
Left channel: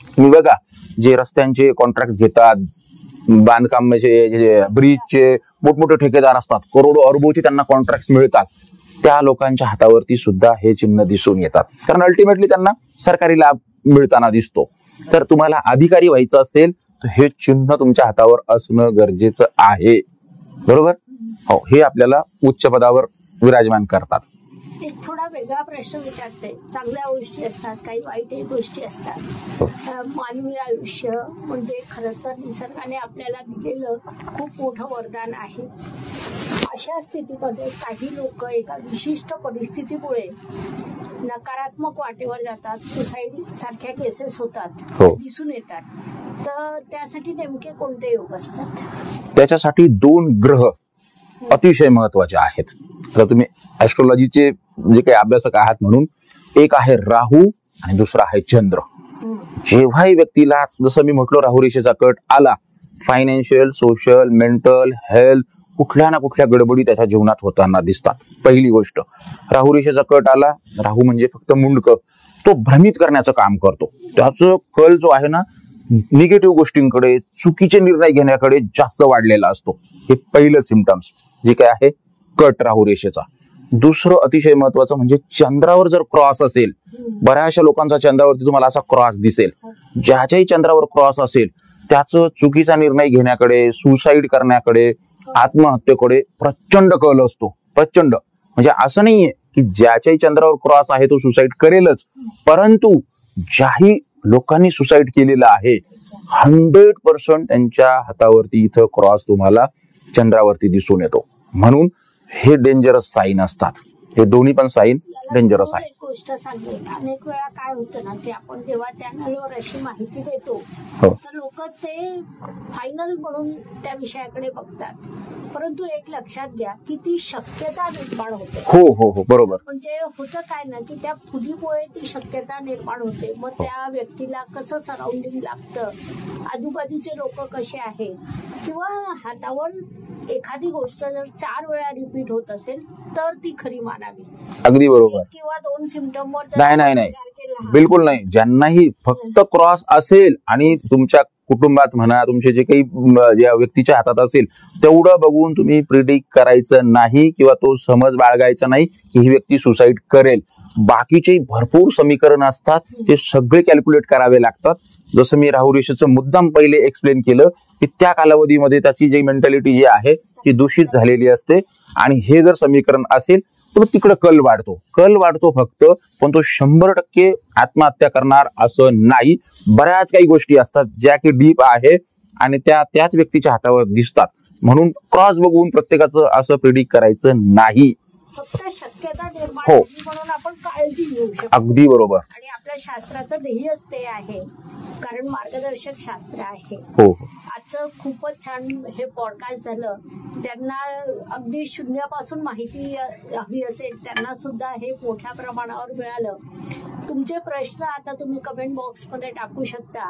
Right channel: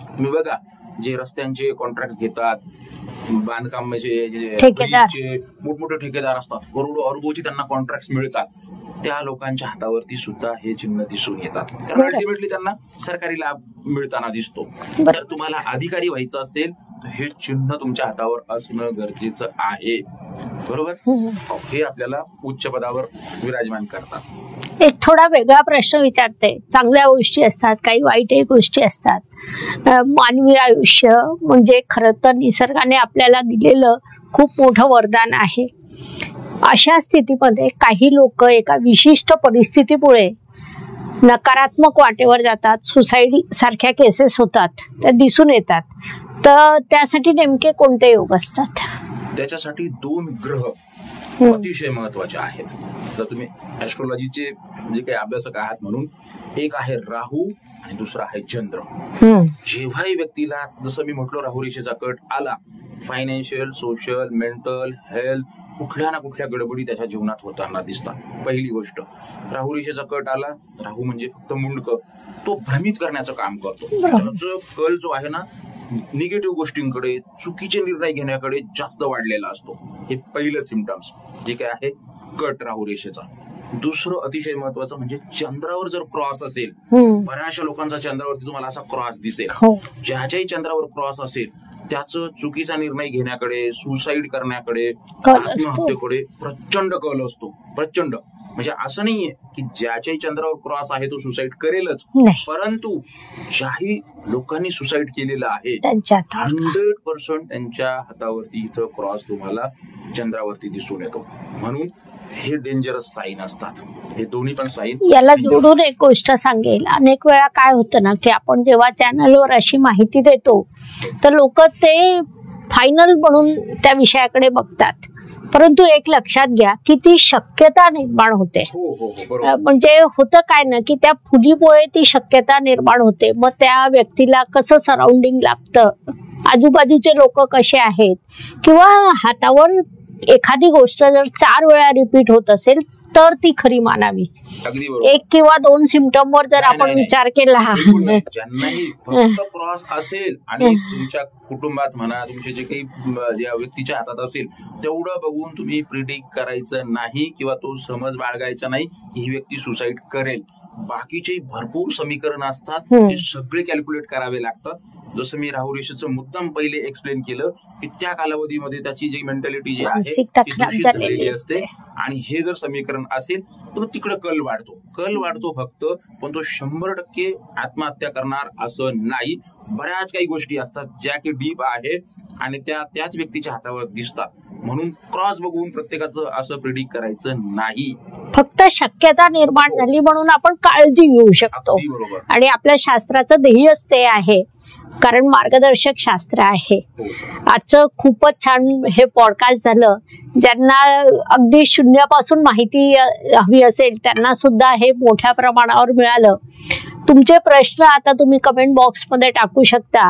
तुम्ही बघा जे रस्त्यांचे कॉन्ट्रॅक्ट घेतात, बांधकामाचे, ब्रिजचे मोठमोठे ठेकेदार असतात, करोडो अरबोचे त्यांना कॉन्ट्रॅक्ट मिळतात, त्या लोकांच्या हातावरती सुद्धा हे चिन्ह दिसून येतात. कारण अल्टिमेटली त्यांना सरकारी लाभ मिळताना दिसतो. तर तुम्हाला अधिकारी व्हायचं असेल तर हे चिन्ह तुमच्या हातावर असणं गरजेचं आहे, बरोबर. हो, हे आपल्याला उच्च पदावर विराजमान करतात. एक थोडा वेगळा प्रश्न विचारते. चांगल्या गोष्टी असतात, काही वाईटही गोष्टी असतात. मानवी आयुष्य म्हणजे खरं तर निसर्गाने आपल्याला दिलेलं खूप मोठं वरदान आहे. अशा स्थितीमध्ये काही लोक एका विशिष्ट परिस्थितीमुळे नकारात्मक वाटेवर जातात, सुसाईड सारख्या केसेस होतात, त्या दिसून येतात. तर त्यासाठी नेमके कोणते योग असतात? त्याच्यासाठी 2 ग्रह अतिशय महत्वाचे आहेत. तर तुम्ही ऍस्ट्रोलॉजीचे जे काही अभ्यासक आहात म्हणून, एक आहे राहू आणि दुसरा आहे चंद्र. जेव्हाही व्यक्तीला, जसं मी म्हटलं, राहू रेषेचा कट आला, फायनान्शियल, सोशल, मेंटल, हेल्थ कुठल्या ना कुठल्या गडबडी त्याच्या जीवनात होताना दिसतात. पहिली गोष्ट, राहू रेषेचा कट आला, राहू म्हणजे फक्त मुंडक, तो भ्रमित करण्याचं काम करतो. त्याचं कल जो आहे ना, निगेटिव्ह गोष्टींकडे, चुकीचे निर्णय घेण्याकडे जास्त वाढलेला असतो. हे पहिलं सिम्पटम्स जे काय आहे कट राहू रेषेचा. दुसरं अतिशय महत्वाचं म्हणजे चंद्रावर जर क्रॉस असेल, बऱ्याचशा लोकांचा चंद्रावरती तुम्हाला असा क्रॉस दिसेल. ज्याच्याही चंद्रावर क्रॉस असेल त्याचं चुकीचा निर्णय घेण्याकडे, सुसाईड करण्याकडे, आत्महत्येकडे प्रचंड कल असतो. प्रचंड म्हणजे असं नाहीये की ज्याच्याही चंद्रावर क्रॉस आहे तो सुसाईड करेलच, परंतु ज्याही लोकांनी सुसाईड केलेलं आहे 100% त्यांच्या हातावरती इथं क्रॉस तुम्हाला चंद्रावरती दिसून येतो. म्हणून हे डेंजरस साईन असतात. हे दोन्ही पण साईन. याला जोडून एक गोष्ट सांगेल, अनेक वेळा काय होतं ना की आपण जेव्हा चॅनलवर अशी माहिती देतो तर लोक ते फायनल म्हणून त्या विषयाकडे बघतात. परंतु एक लक्षात घ्या की ती शक्यता निर्माण होते. हो हो हो बरोबर. म्हणजे होतं काय ना की त्या फुलीमुळे ती शक्यता निर्माण होते. मग त्या व्यक्तीला कसं सराउंडिंग लागतं, आजूबाजूचे लोक कसे आहेत, किंवा हातावर एखादी गोष्ट जर 4 वेळा रिपीट होत असेल तर ती खरी मानावी. अगदी बरोबर. 1 किंवा 2 सिम्पटम वर जर आपण विचार केला, बिलकुल नाही. ज्यांनाही फक्त क्रॉस असेल आणि तुमच्या कुटुंबात म्हणा, तुमचे जे काही ज्या व्यक्तीच्या हातात असेल तेवढं बघून तुम्ही प्रिडिक्ट करायचं नाही किंवा तो समज बाळगायचा नाही की ही व्यक्ती सुसाईड करेल. बाकीचे भरपूर समीकरण असतात, ते सगळे कॅल्क्युलेट करावे लागतात. जसं मी राहुल रेषेचं मुद्दाम पहिले एक्सप्लेन केलं की त्या कालावधीमध्ये त्याची जी मेंटॅलिटी जी आहे ती दूषित झालेली असते. आणि हे जर समीकरण असेल तर तिकडे कल वाढतो फक्त, पण तो 100% आत्महत्या करणार असं नाही. बऱ्याच काही गोष्टी असतात ज्या की डीप आहे आणि त्याच व्यक्तीच्या हातावर दिसतात. म्हणून क्रॉस बघून प्रत्येकाचं असं प्रिडिक्ट करायचं नाही. फक्त शक्यता निर्माण झाली म्हणून आपण काळजी घेऊ शकतो. अगदी बरोबर. आणि आपल्या शास्त्राचं ध्येयच ते आहे, कारण मार्गदर्शक शास्त्र आहे. आजचं खूपच छान हे पॉडकास्ट झालं. ज्यांना अगदी शून्यापासून माहिती हवी असेल त्यांना सुद्धा हे मोठ्या प्रमाणावर मिळालं. तुमचे प्रश्न आता तुम्ही कमेंट बॉक्समध्ये टाकू शकता.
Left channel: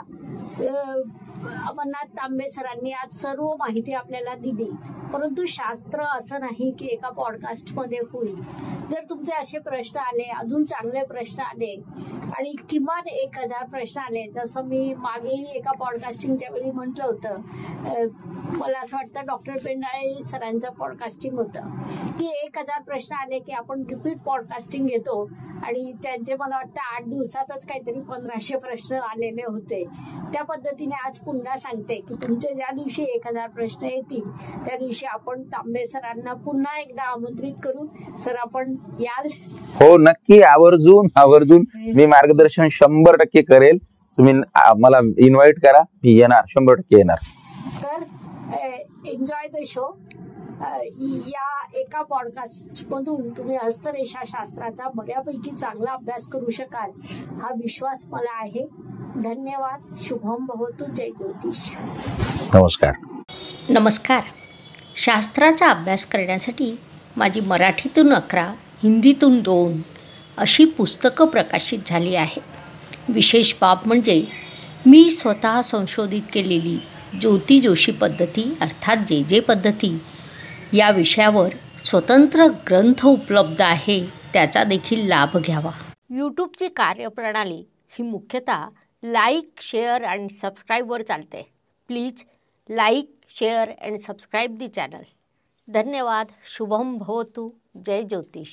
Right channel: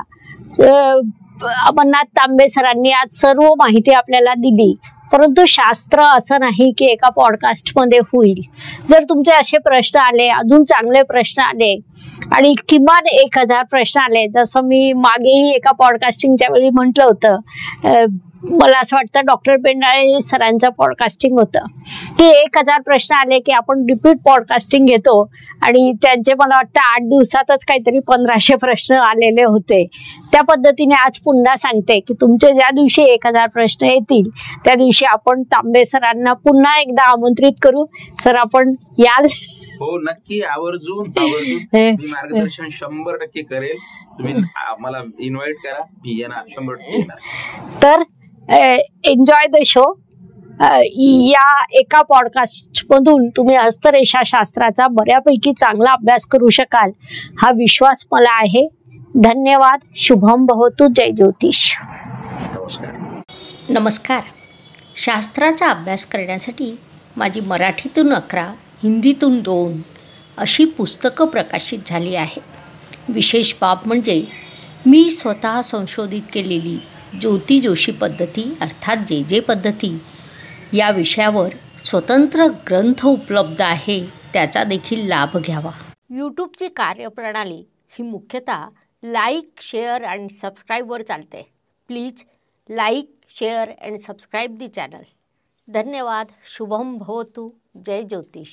अमरनाथ तांबे सरांनी आज सर्व माहिती आपल्याला दिली, परंतु शास्त्र असं नाही की एका पॉडकास्टमध्ये होईल. जर तुमचे असे प्रश्न आले, अजून चांगले प्रश्न आले आणि किमान 1000 प्रश्न आले, जसं मी मागेही एका पॉडकास्टिंगच्या वेळी म्हटलं होतं, मला असं वाटतं डॉक्टर पेंडाळे सरांचं पॉडकास्टिंग होतं की 1000 प्रश्न आले की आपण रिपीट पॉडकास्टिंग घेतो. आणि त्यांचे मला वाटतं 8 दिवसातच काहीतरी 1500 प्रश्न आलेले होते. त्या पद्धतीने आज पुन्हा सांगते की तुमचे ज्या दिवशी 1000 प्रश्न येतील त्या दिवशी आपण तांबे सरांना पुन्हा एकदा आमंत्रित करू. सर आपण याल? हो नक्की, आवर्जून मी मार्गदर्शन 100% करेल. तुम्ही मला इन्व्हाइट करा, मी येणार, 100% येणार. तर एन्जॉय द शो. या एका पॉडकास्ट मधून तुम्ही हस्तरेषा शास्त्राचा बऱ्यापैकी चांगला अभ्यास करू शकाल हा विश्वास मला आहे. धन्यवाद. शुभम भवतु. जय ज्योतिष. नमस्कार. शास्त्राचा अभ्यास करण्यासाठी माझी मराठीतून 11, हिंदीतून 2 अशी पुस्तकं प्रकाशित झाली आहे. विशेष बाब म्हणजे मी स्वतः संशोधित केलेली ज्योती जोशी पद्धती अर्थात जे पद्धती या विषयावर स्वतंत्र ग्रंथ उपलब्ध आहे, त्याचा देखील लाभ घ्यावा. यूट्यूबची कार्यप्रणाली ही मुख्यतः लाईक, शेअर आणि सबस्क्राईबवर चालते. Please like, share and subscribe the channel. धन्यवाद. शुभम भवतु. जय ज्योतिष.